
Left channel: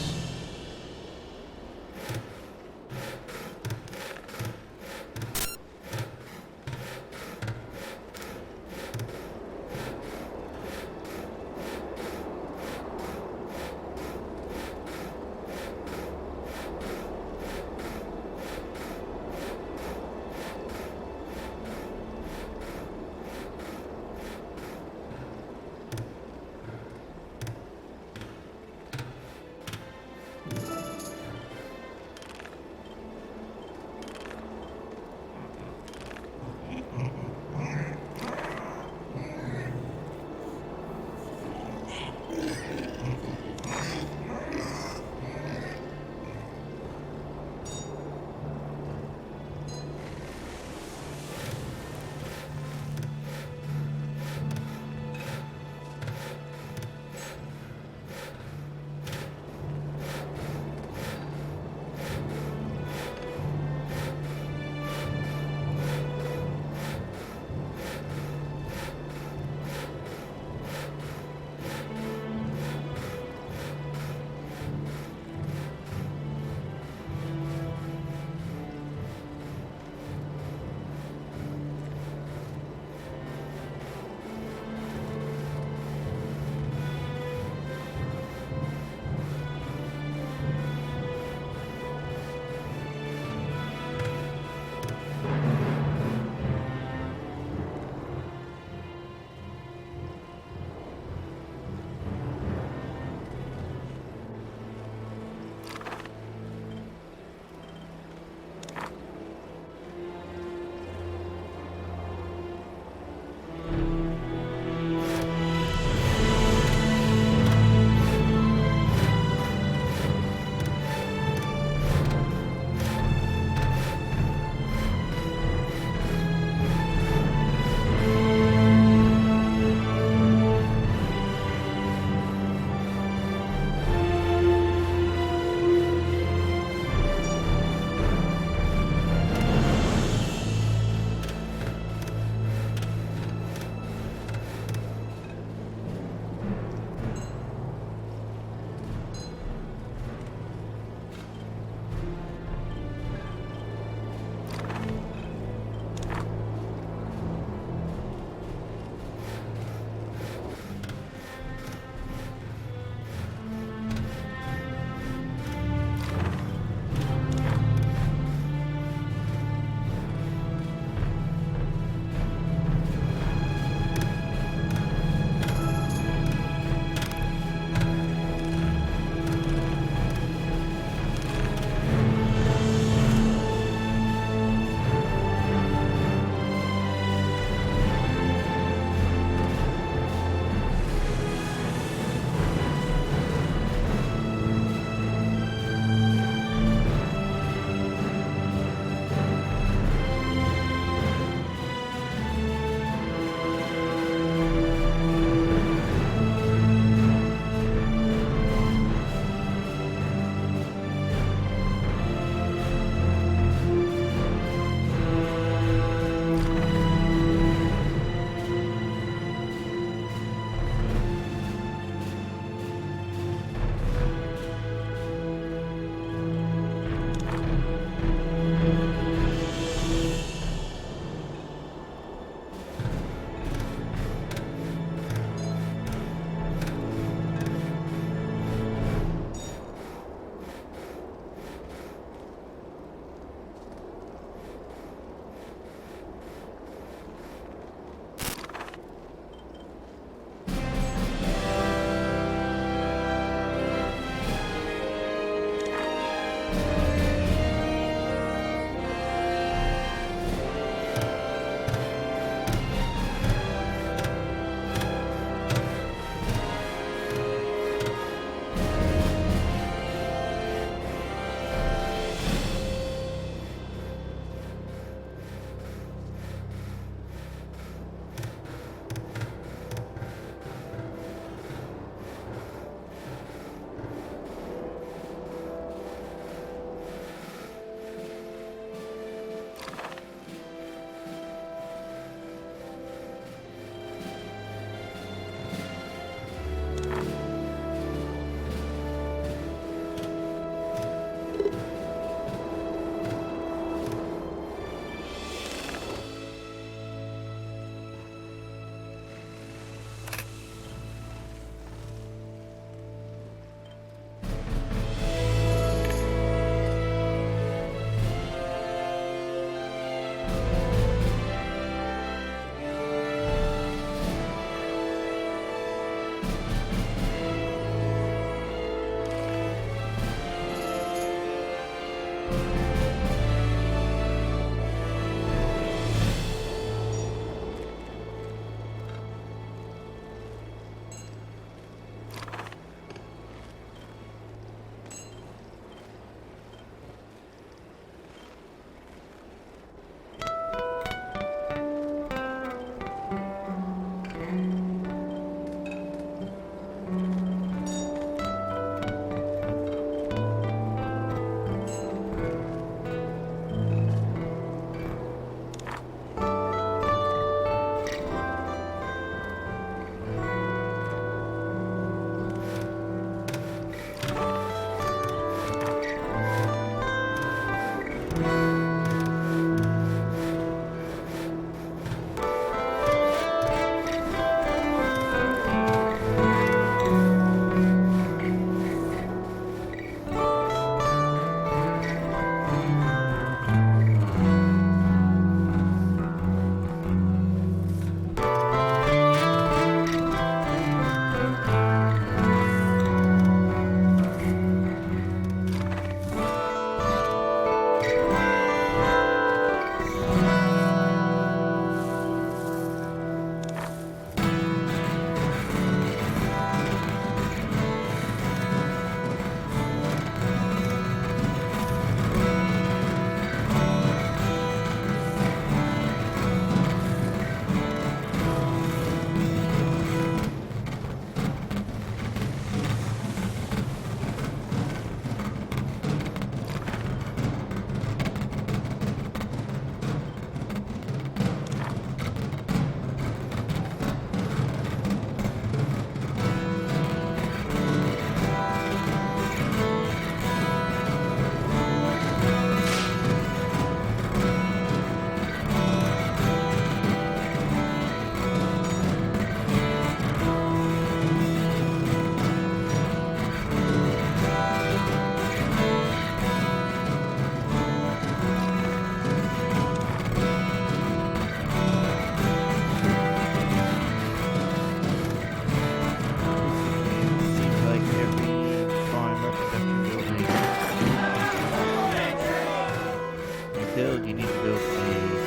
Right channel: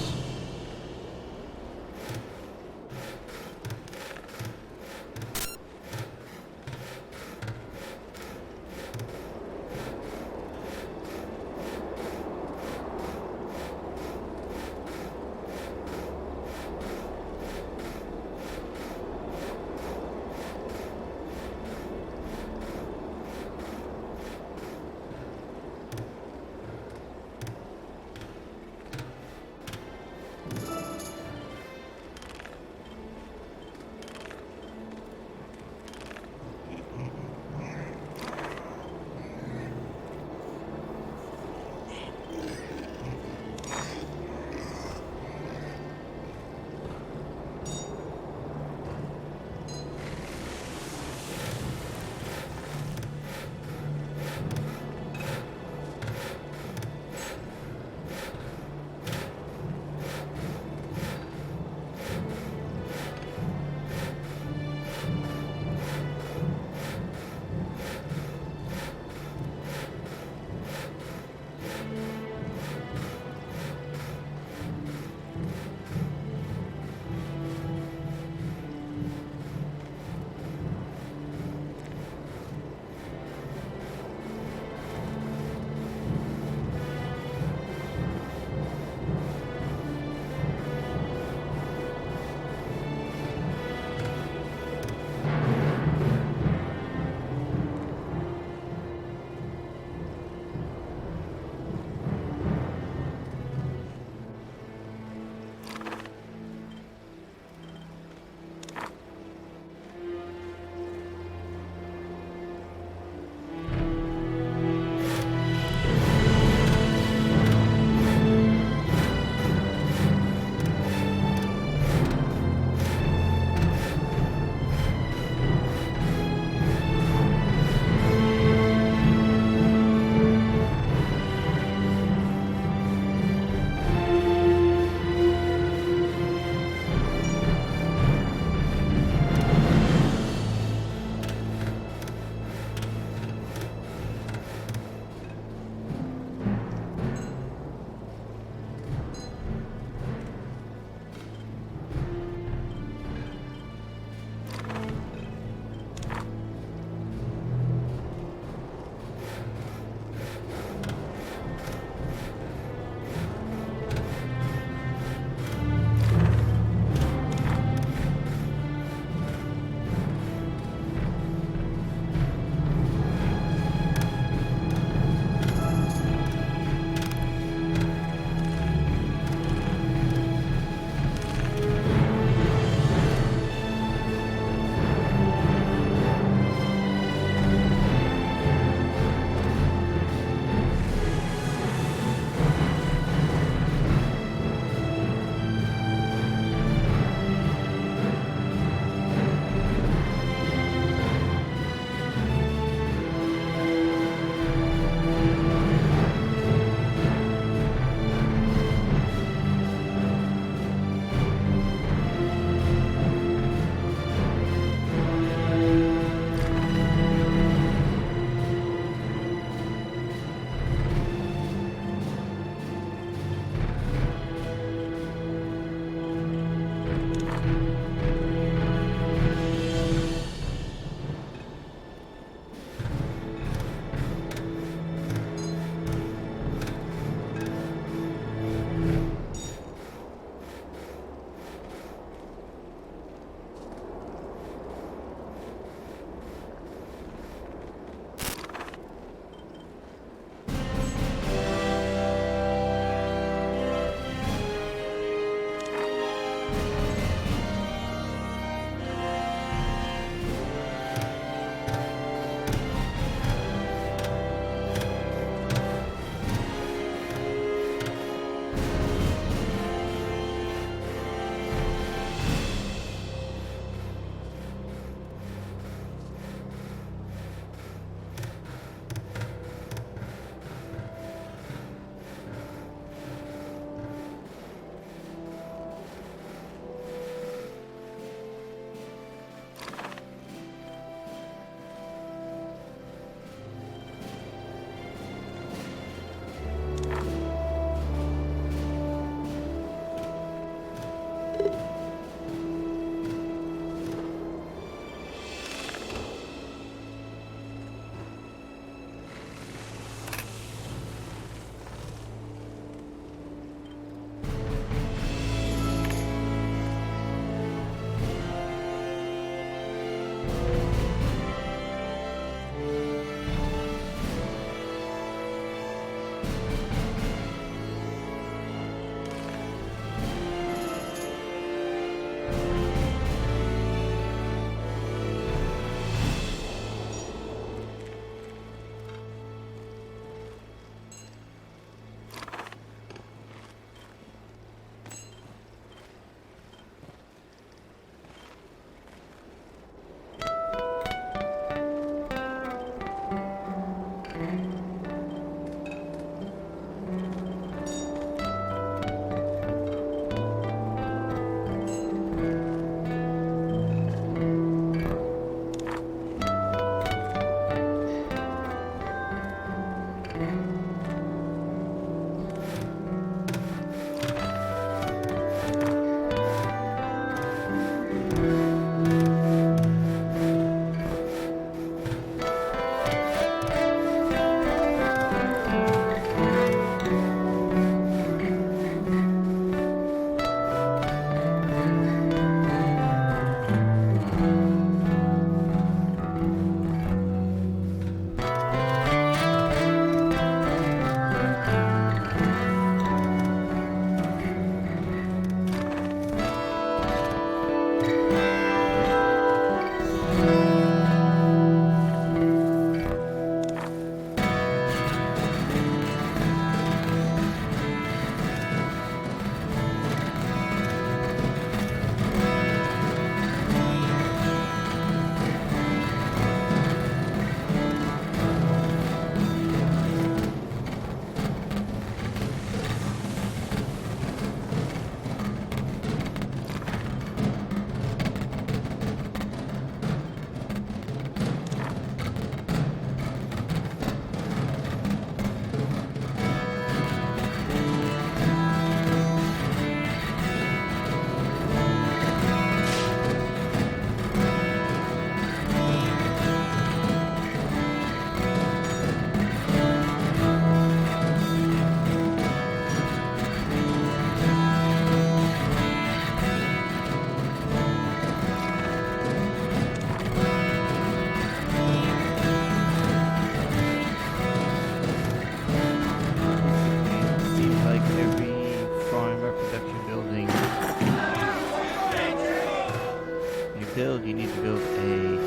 build, you need to build a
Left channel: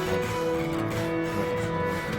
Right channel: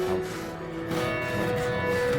house. What you call it.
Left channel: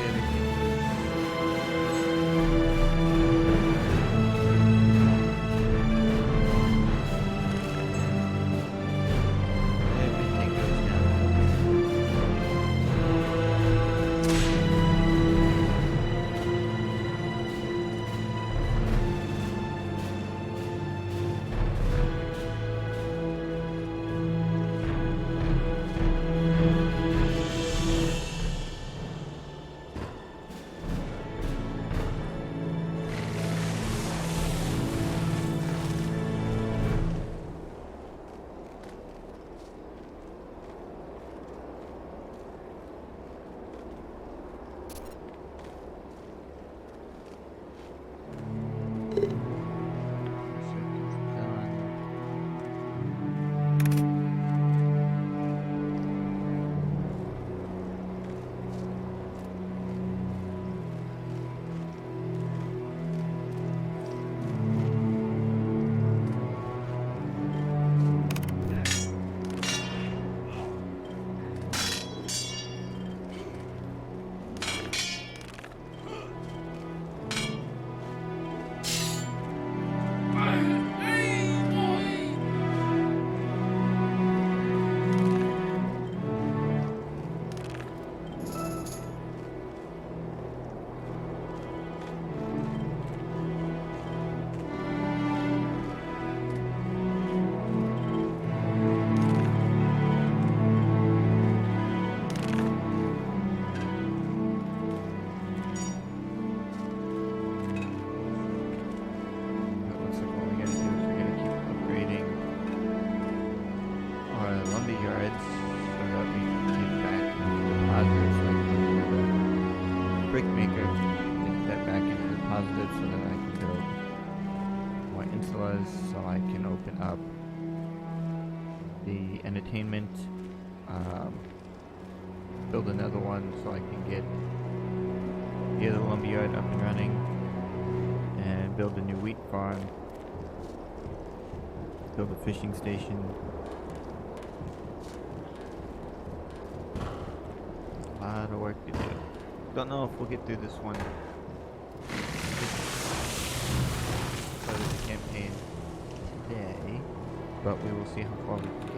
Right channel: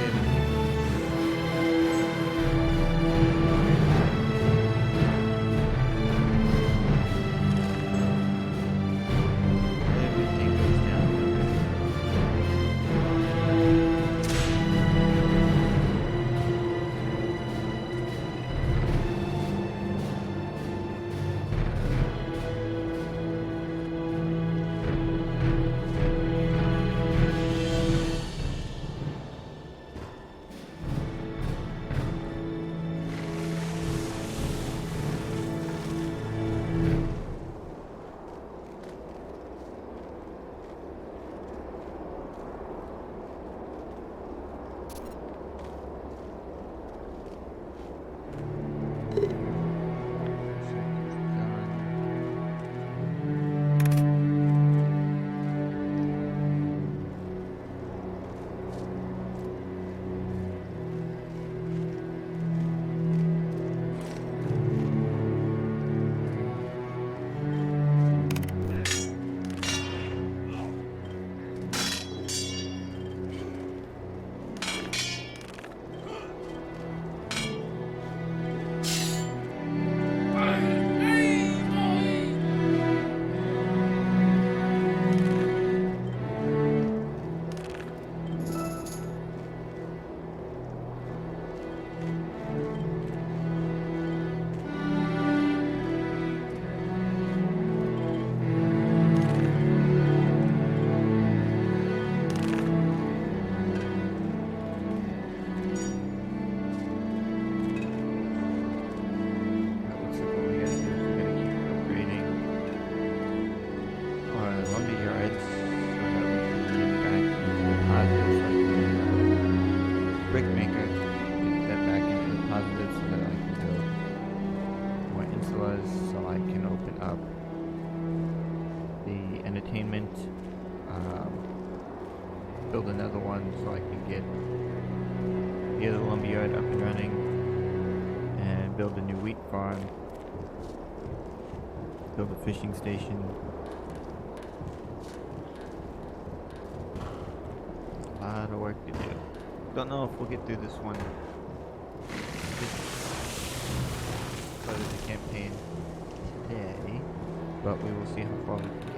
Hopefully everything goes downhill very Sector's done. That looks like all we gotta do is we gotta keep upgrading our lumber yards so that we can get back into the positives like the brick maker. To get that back into the positive so that I can build more insulas so I can open up the entertainment, build another one so I can get the other lumberyard up and running, and build a new wheat farm, build a fishing station. A lot of work to do. Don't know if we'll get through this one. Part of the campaign today, but we will see how far we can get.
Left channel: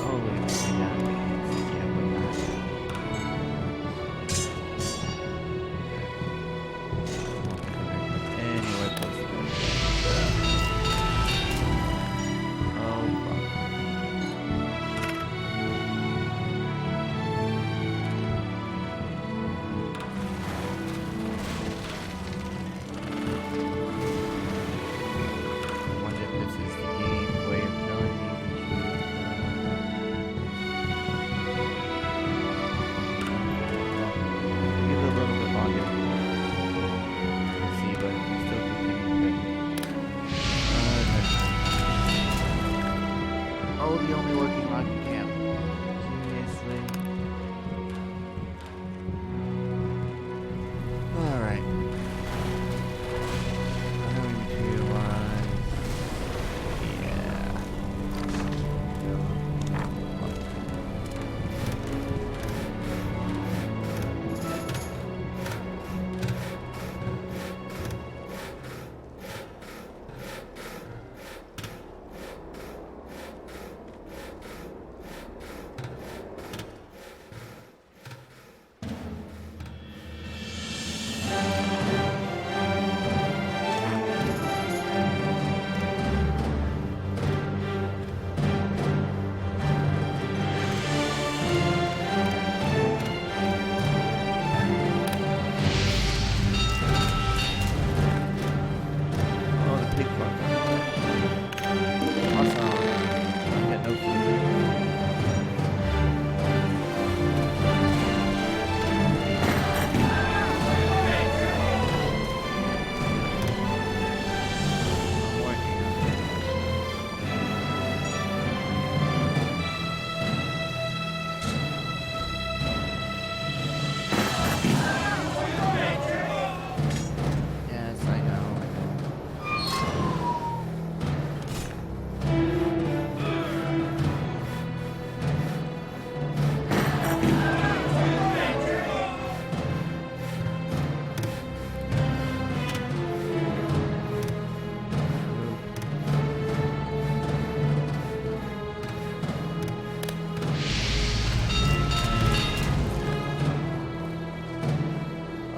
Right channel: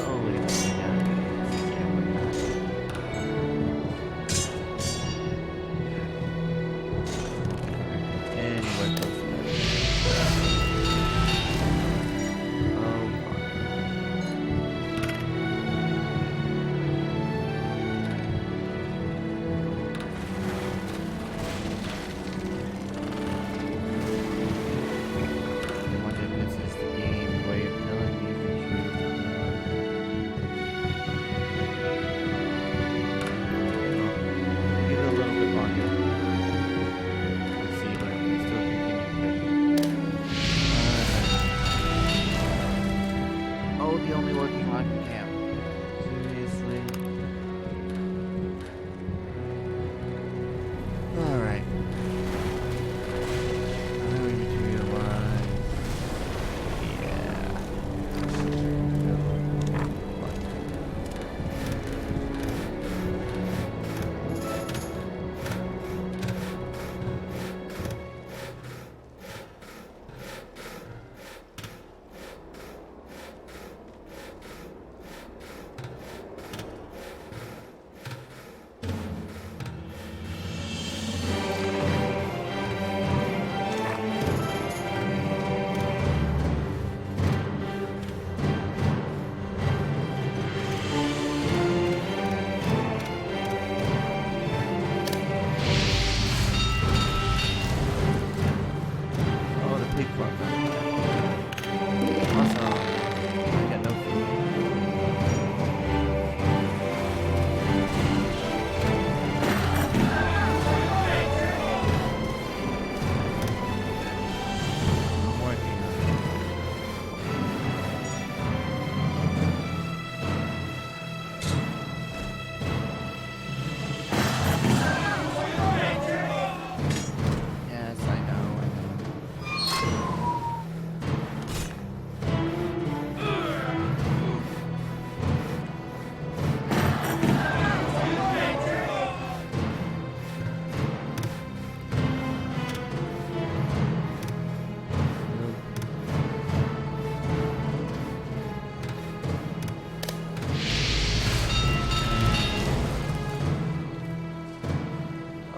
Oh, look at this thing down. Yeah, but not. Anyway, close to that. Oh, fuck. I wonder if this is the game's way of telling me we should. Well, give it a little bit longer. We'll see, but we still continue to. Oh, the only working logging camp. Seriously? Alright. Highway materialize. Yeah.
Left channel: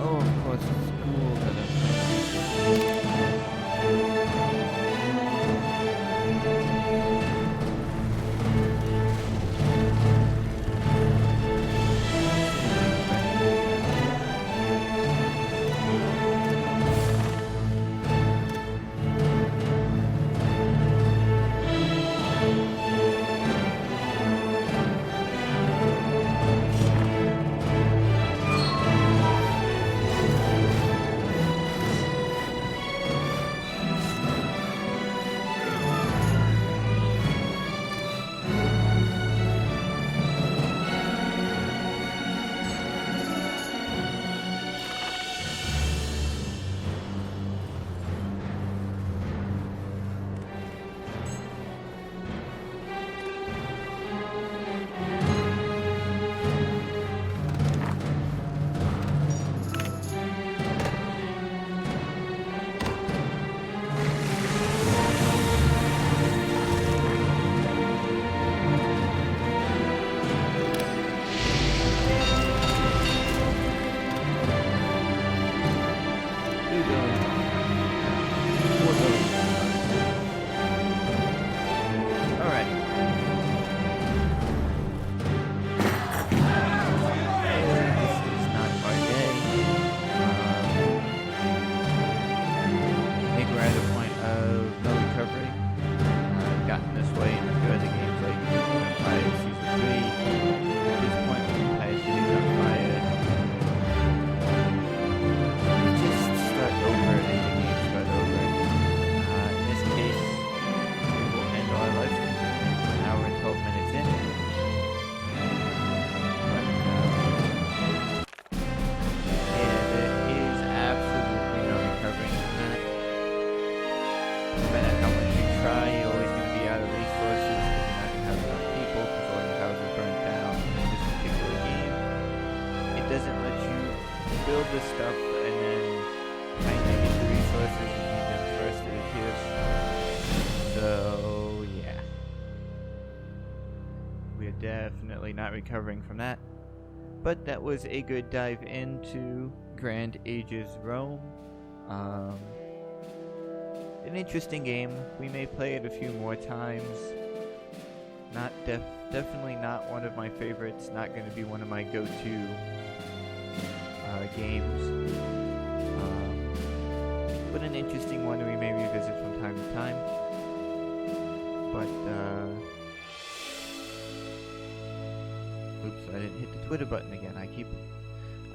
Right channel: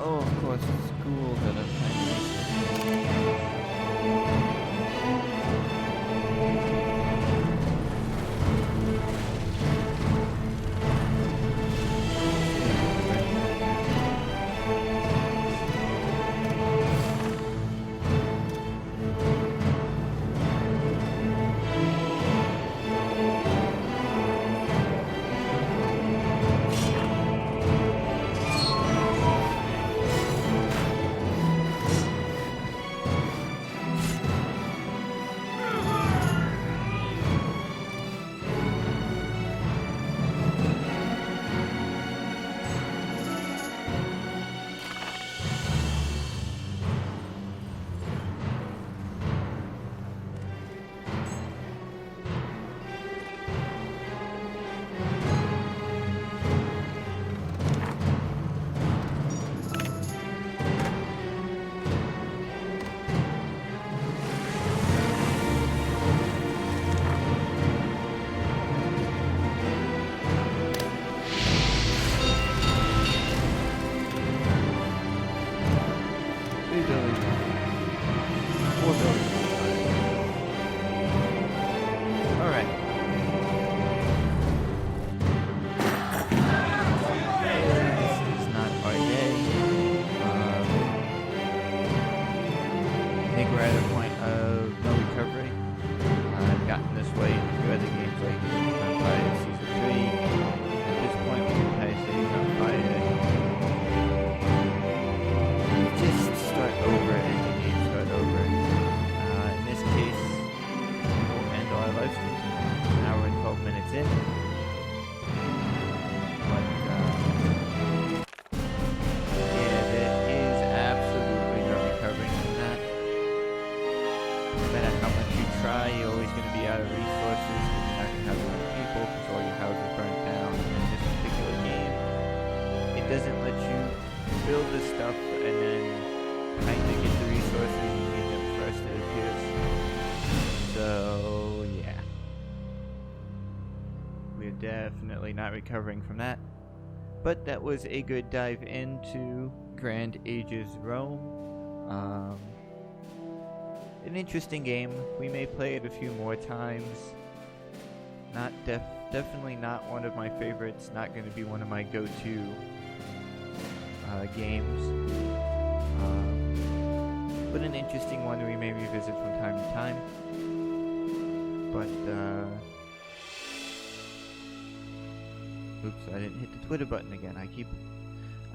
Oh, of course, it's school that I'm trying to research. Three buildings. 4 buildings. Alright. This is not our day. I think we're at a point of no recovery. I've gotten this way in a few other games like Empire Season 3. At this point, when Empire City's on fire, you just start over and the game start over. In this case, we will end our life an hour and 12 minutes in. But, yeah, there is absolutely no recovering from that. No matter how much you try, you're always going to be out of resources because you're not going to have enough people because all your houses burnt down. And in this particular game, it doesn't let you build the stuff and then kind of get the resources. You need them first, it appears. So, yeah. We're definitely not recovering from that. But that was a good dive into Grand Ages Rome. An interesting game. We may play it a few more times. Not definitely not one of my favorites. Not going to be one of my go-to games. But an interesting one we may revisit from time to time. But oops, I didn't hit the Twitter button again. I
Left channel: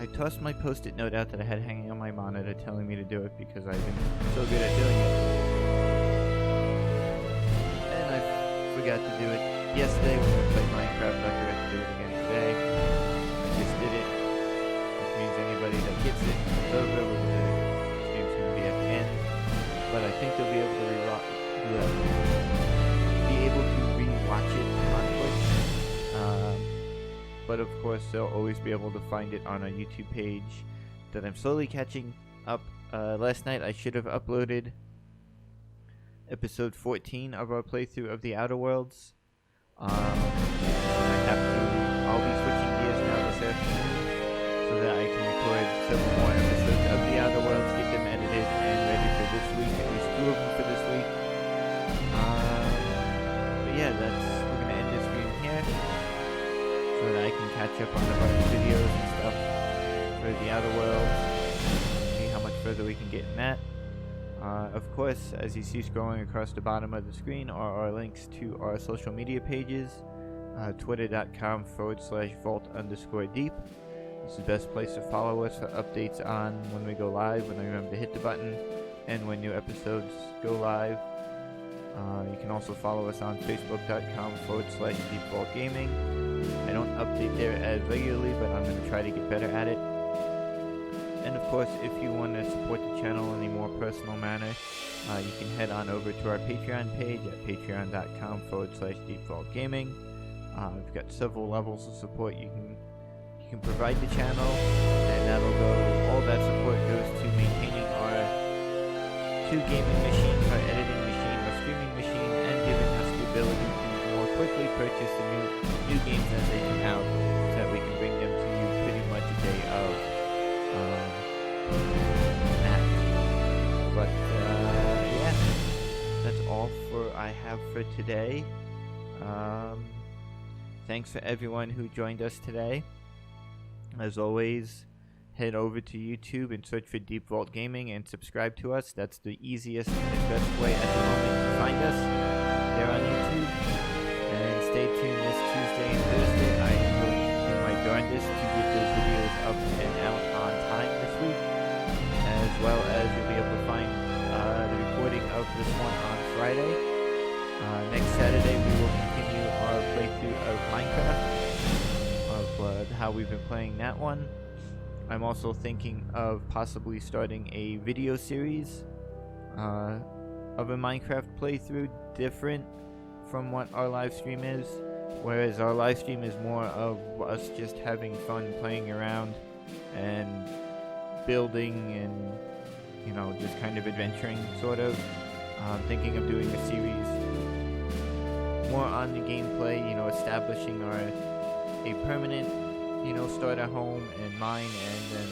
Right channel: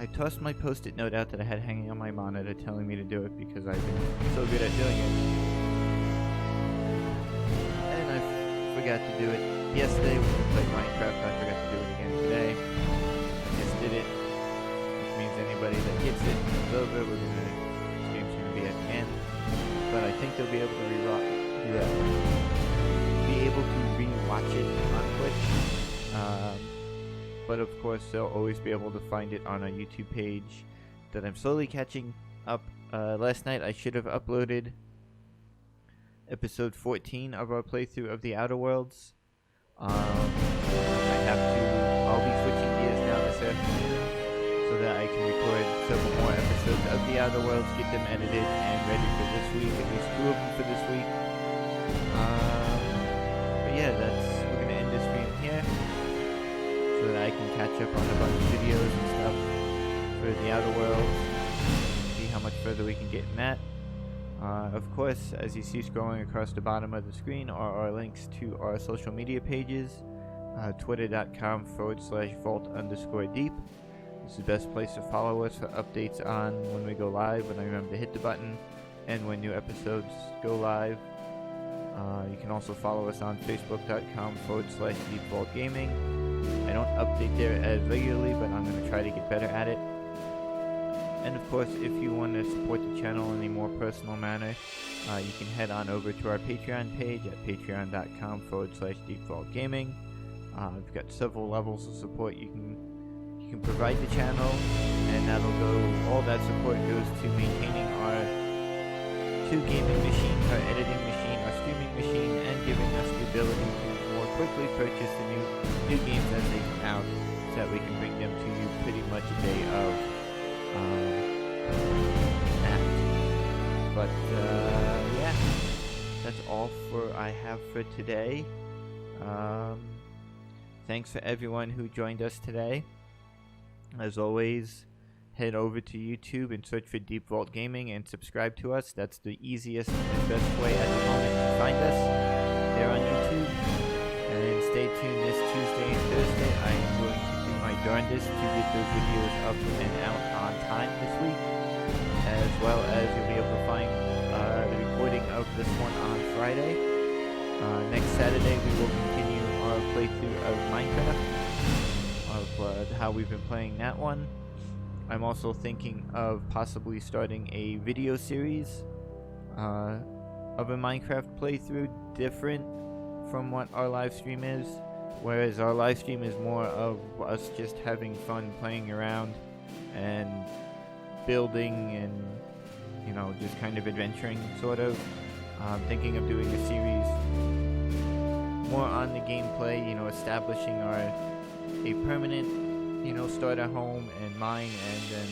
tossed my post-it note out that I had hanging on my monitor telling me to do it because I've been so good at doing it. And I forgot to do it yesterday when we played Minecraft. I forgot to do it again today. I just did it, which means anybody that gets it comes over. Stream's gonna be at the end. But I think they'll be able to rewatch it on Twitch. But of course, they'll always be able to find it on our YouTube page that I'm slowly catching up. Last night, I should have uploaded episode 14 of our playthrough of The Outer Worlds. I'll be switching gears now this afternoon so that I can record several more episodes of The Outer Worlds, get them edited and ready for this week, at least 2 of them for this week. But yeah, we're going to end this stream here, so that I can catch up on a bunch of videos and stuff for The Outer Worlds, see how much further we can get in that. Of course, as you see scrolling across the bottom of the screen are our links to our social media pages, twitter.com/vault_deep. This is the best place to follow us for updates on when we go live, when I remember to hit the button, and when new episodes go live. You can also follow us on facebook.com/deepvaultgaming. I don't update there as regularly, but I'm going to try to get better at it. And of course, if you want to support the channel in a more personal manner, you can head on over to our Patreon page at patreon.com/deepvaultgaming. We've got several levels of support you can provide the channel, and all that support goes to maintaining our 2 gaming machines, our editing machine, our streaming machine, and giving us the ability to more quickly purchase the new games as they come out, so that we can bring them to you pretty much a day of. that. But yeah, that's all I have for today. Thanks for everyone who joined us today. As always, head over to YouTube and search for Deep Vault Gaming and subscribe to us. That's the easiest and best way at the moment to find us there on YouTube. And stay tuned this Tuesday and Thursday. I am going to do my darndest to get those videos up and out on time this week, as well as you'll be able to find the recording of this one on Friday. Next Saturday we will continue our playthrough of Minecraft, of how we've been playing that one. I'm also thinking of possibly starting a video series of a Minecraft playthrough, different from what our live stream is, whereas our live stream is more of us just having fun playing around and building and, you know, just kind of adventuring, sort of. I'm thinking of doing a series more on the gameplay, you know, establishing a permanent, you know, starter home and mine, and then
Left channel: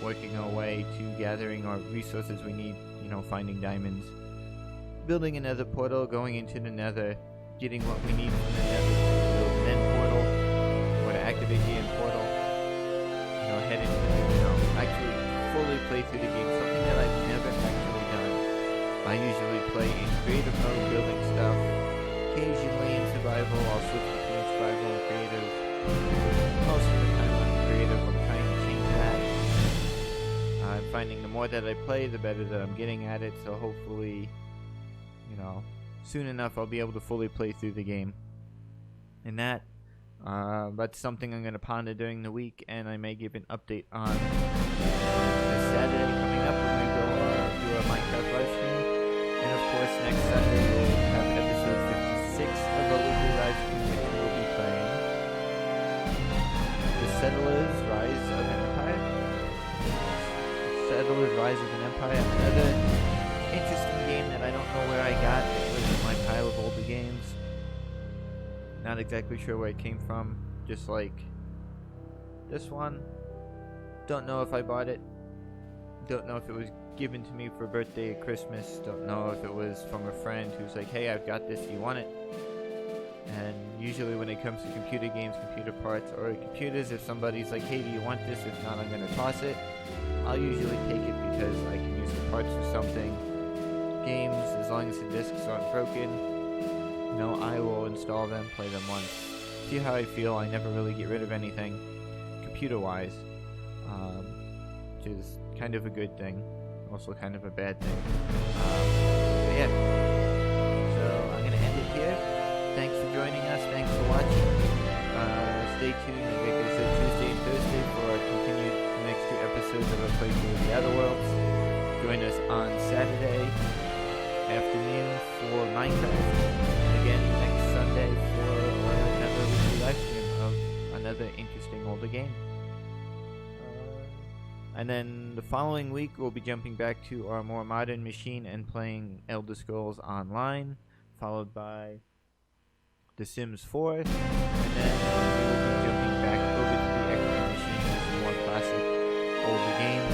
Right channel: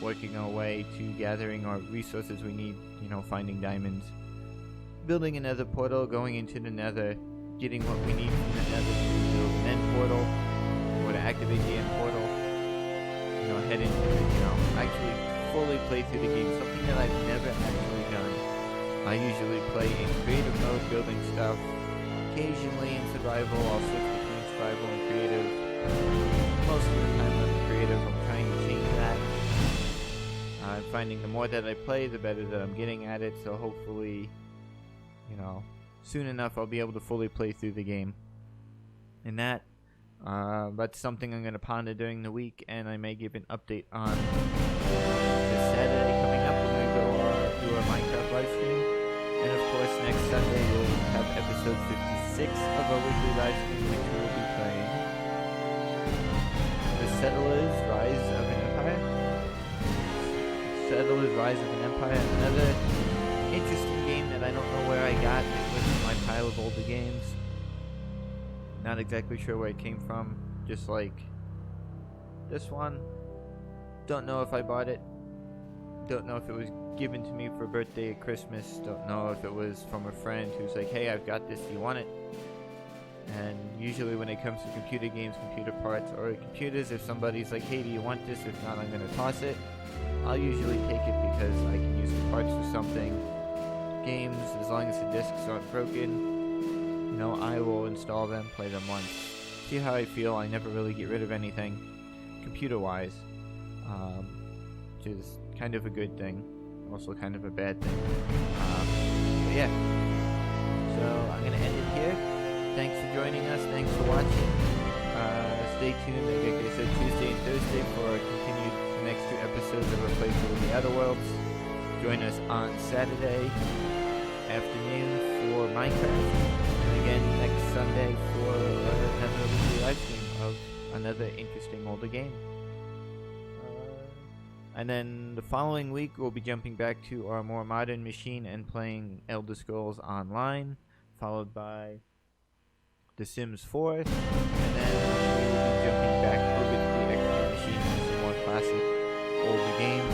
working our way to gathering our resources we need, you know, finding diamonds, building another portal, going into the nether, getting what we need from the nether to build an end portal, or to activate the end portal, you know, head into the, you know, actually fully play through the game, something that I've never actually done. I usually play in creative mode, building stuff. Occasionally in survival, I'll switch between survival and creative. Most of the time I'm creative. I'm trying to change that. I'm finding the more that I play, the better that I'm getting at it, so hopefully, you know, soon enough I'll be able to fully play through the game. And that's something I'm going to ponder during the week, and I may give an update on this Saturday coming up when we go do our Minecraft live stream. And of course, next Sunday we'll have episode 56 of our weekly live stream, which we will be playing The Settlers Rise of an Empire. Settlers Rise of an Empire, another interesting game that I don't know where I got. It was in my pile of older games. Not exactly sure where it came from, just like this one. Don't know if I bought it. Don't know if it was given to me for birthday or Christmas. Don't know if it was from a friend who's like, hey, I've got this, do you want it? And usually when it comes to computer games, computer parts, or computers, if somebody's like, hey, do you want this? If not, I'm going to toss it. I'll usually take it because I can use the parts for something. Games, as long as the discs aren't broken, you know, I will install them, play them once, see how I feel. I never really get rid of anything computer-wise, which is kind of a good thing, also kind of a bad thing. But yeah, so I'm going to end it here. Thanks for joining us. Thanks for watching. Stay tuned, like I said, Tuesday and Thursday for our continued next two episodes of our playthrough of the Outer Worlds. Join us on Saturday afternoon for Minecraft, and again next Sunday for another weekly live stream of another interesting older game. And then the following week we'll be jumping back to our more modern machine and playing Elder Scrolls Online, followed by The Sims 4, and then we will be jumping back over to the XP machine for some more classic older games.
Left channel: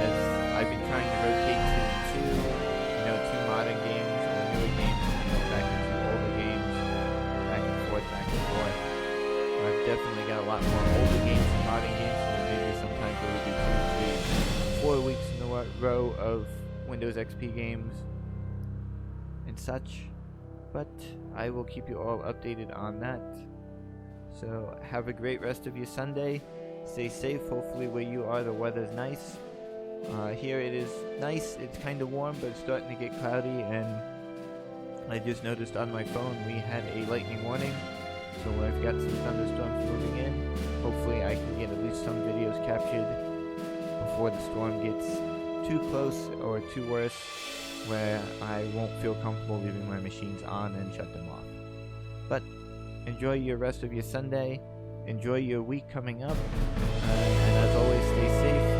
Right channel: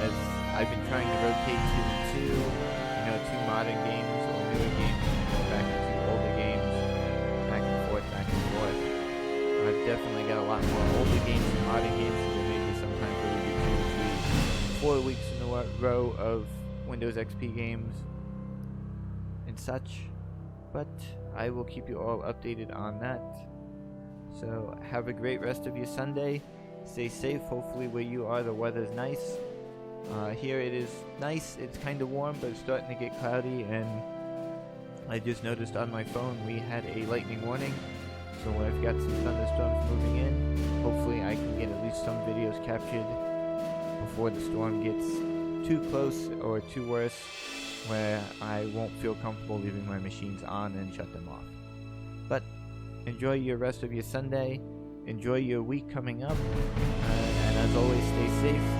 As I've been trying to rotate 2 and 2, you know, 2 modern games or newer games, and then go back into older games, back and forth, back and forth. I've definitely got a lot more older games than modern games, so there may be sometimes where we do 2, 3, 4 weeks in a row of Windows XP games and such, but I will keep you all updated on that. So have a great rest of your Sunday. Stay safe. Hopefully where you are the weather's nice. Here it is nice. It's kind of warm, but it's starting to get cloudy, and I just noticed on my phone we had a lightning warning. So I've got some thunderstorms moving in. Hopefully I can get at least some videos captured before the storm gets too close or too worse, where I won't feel comfortable leaving my machines on and shut them off. But enjoy your rest of your Sunday. Enjoy your week coming up. And as always, stay safe.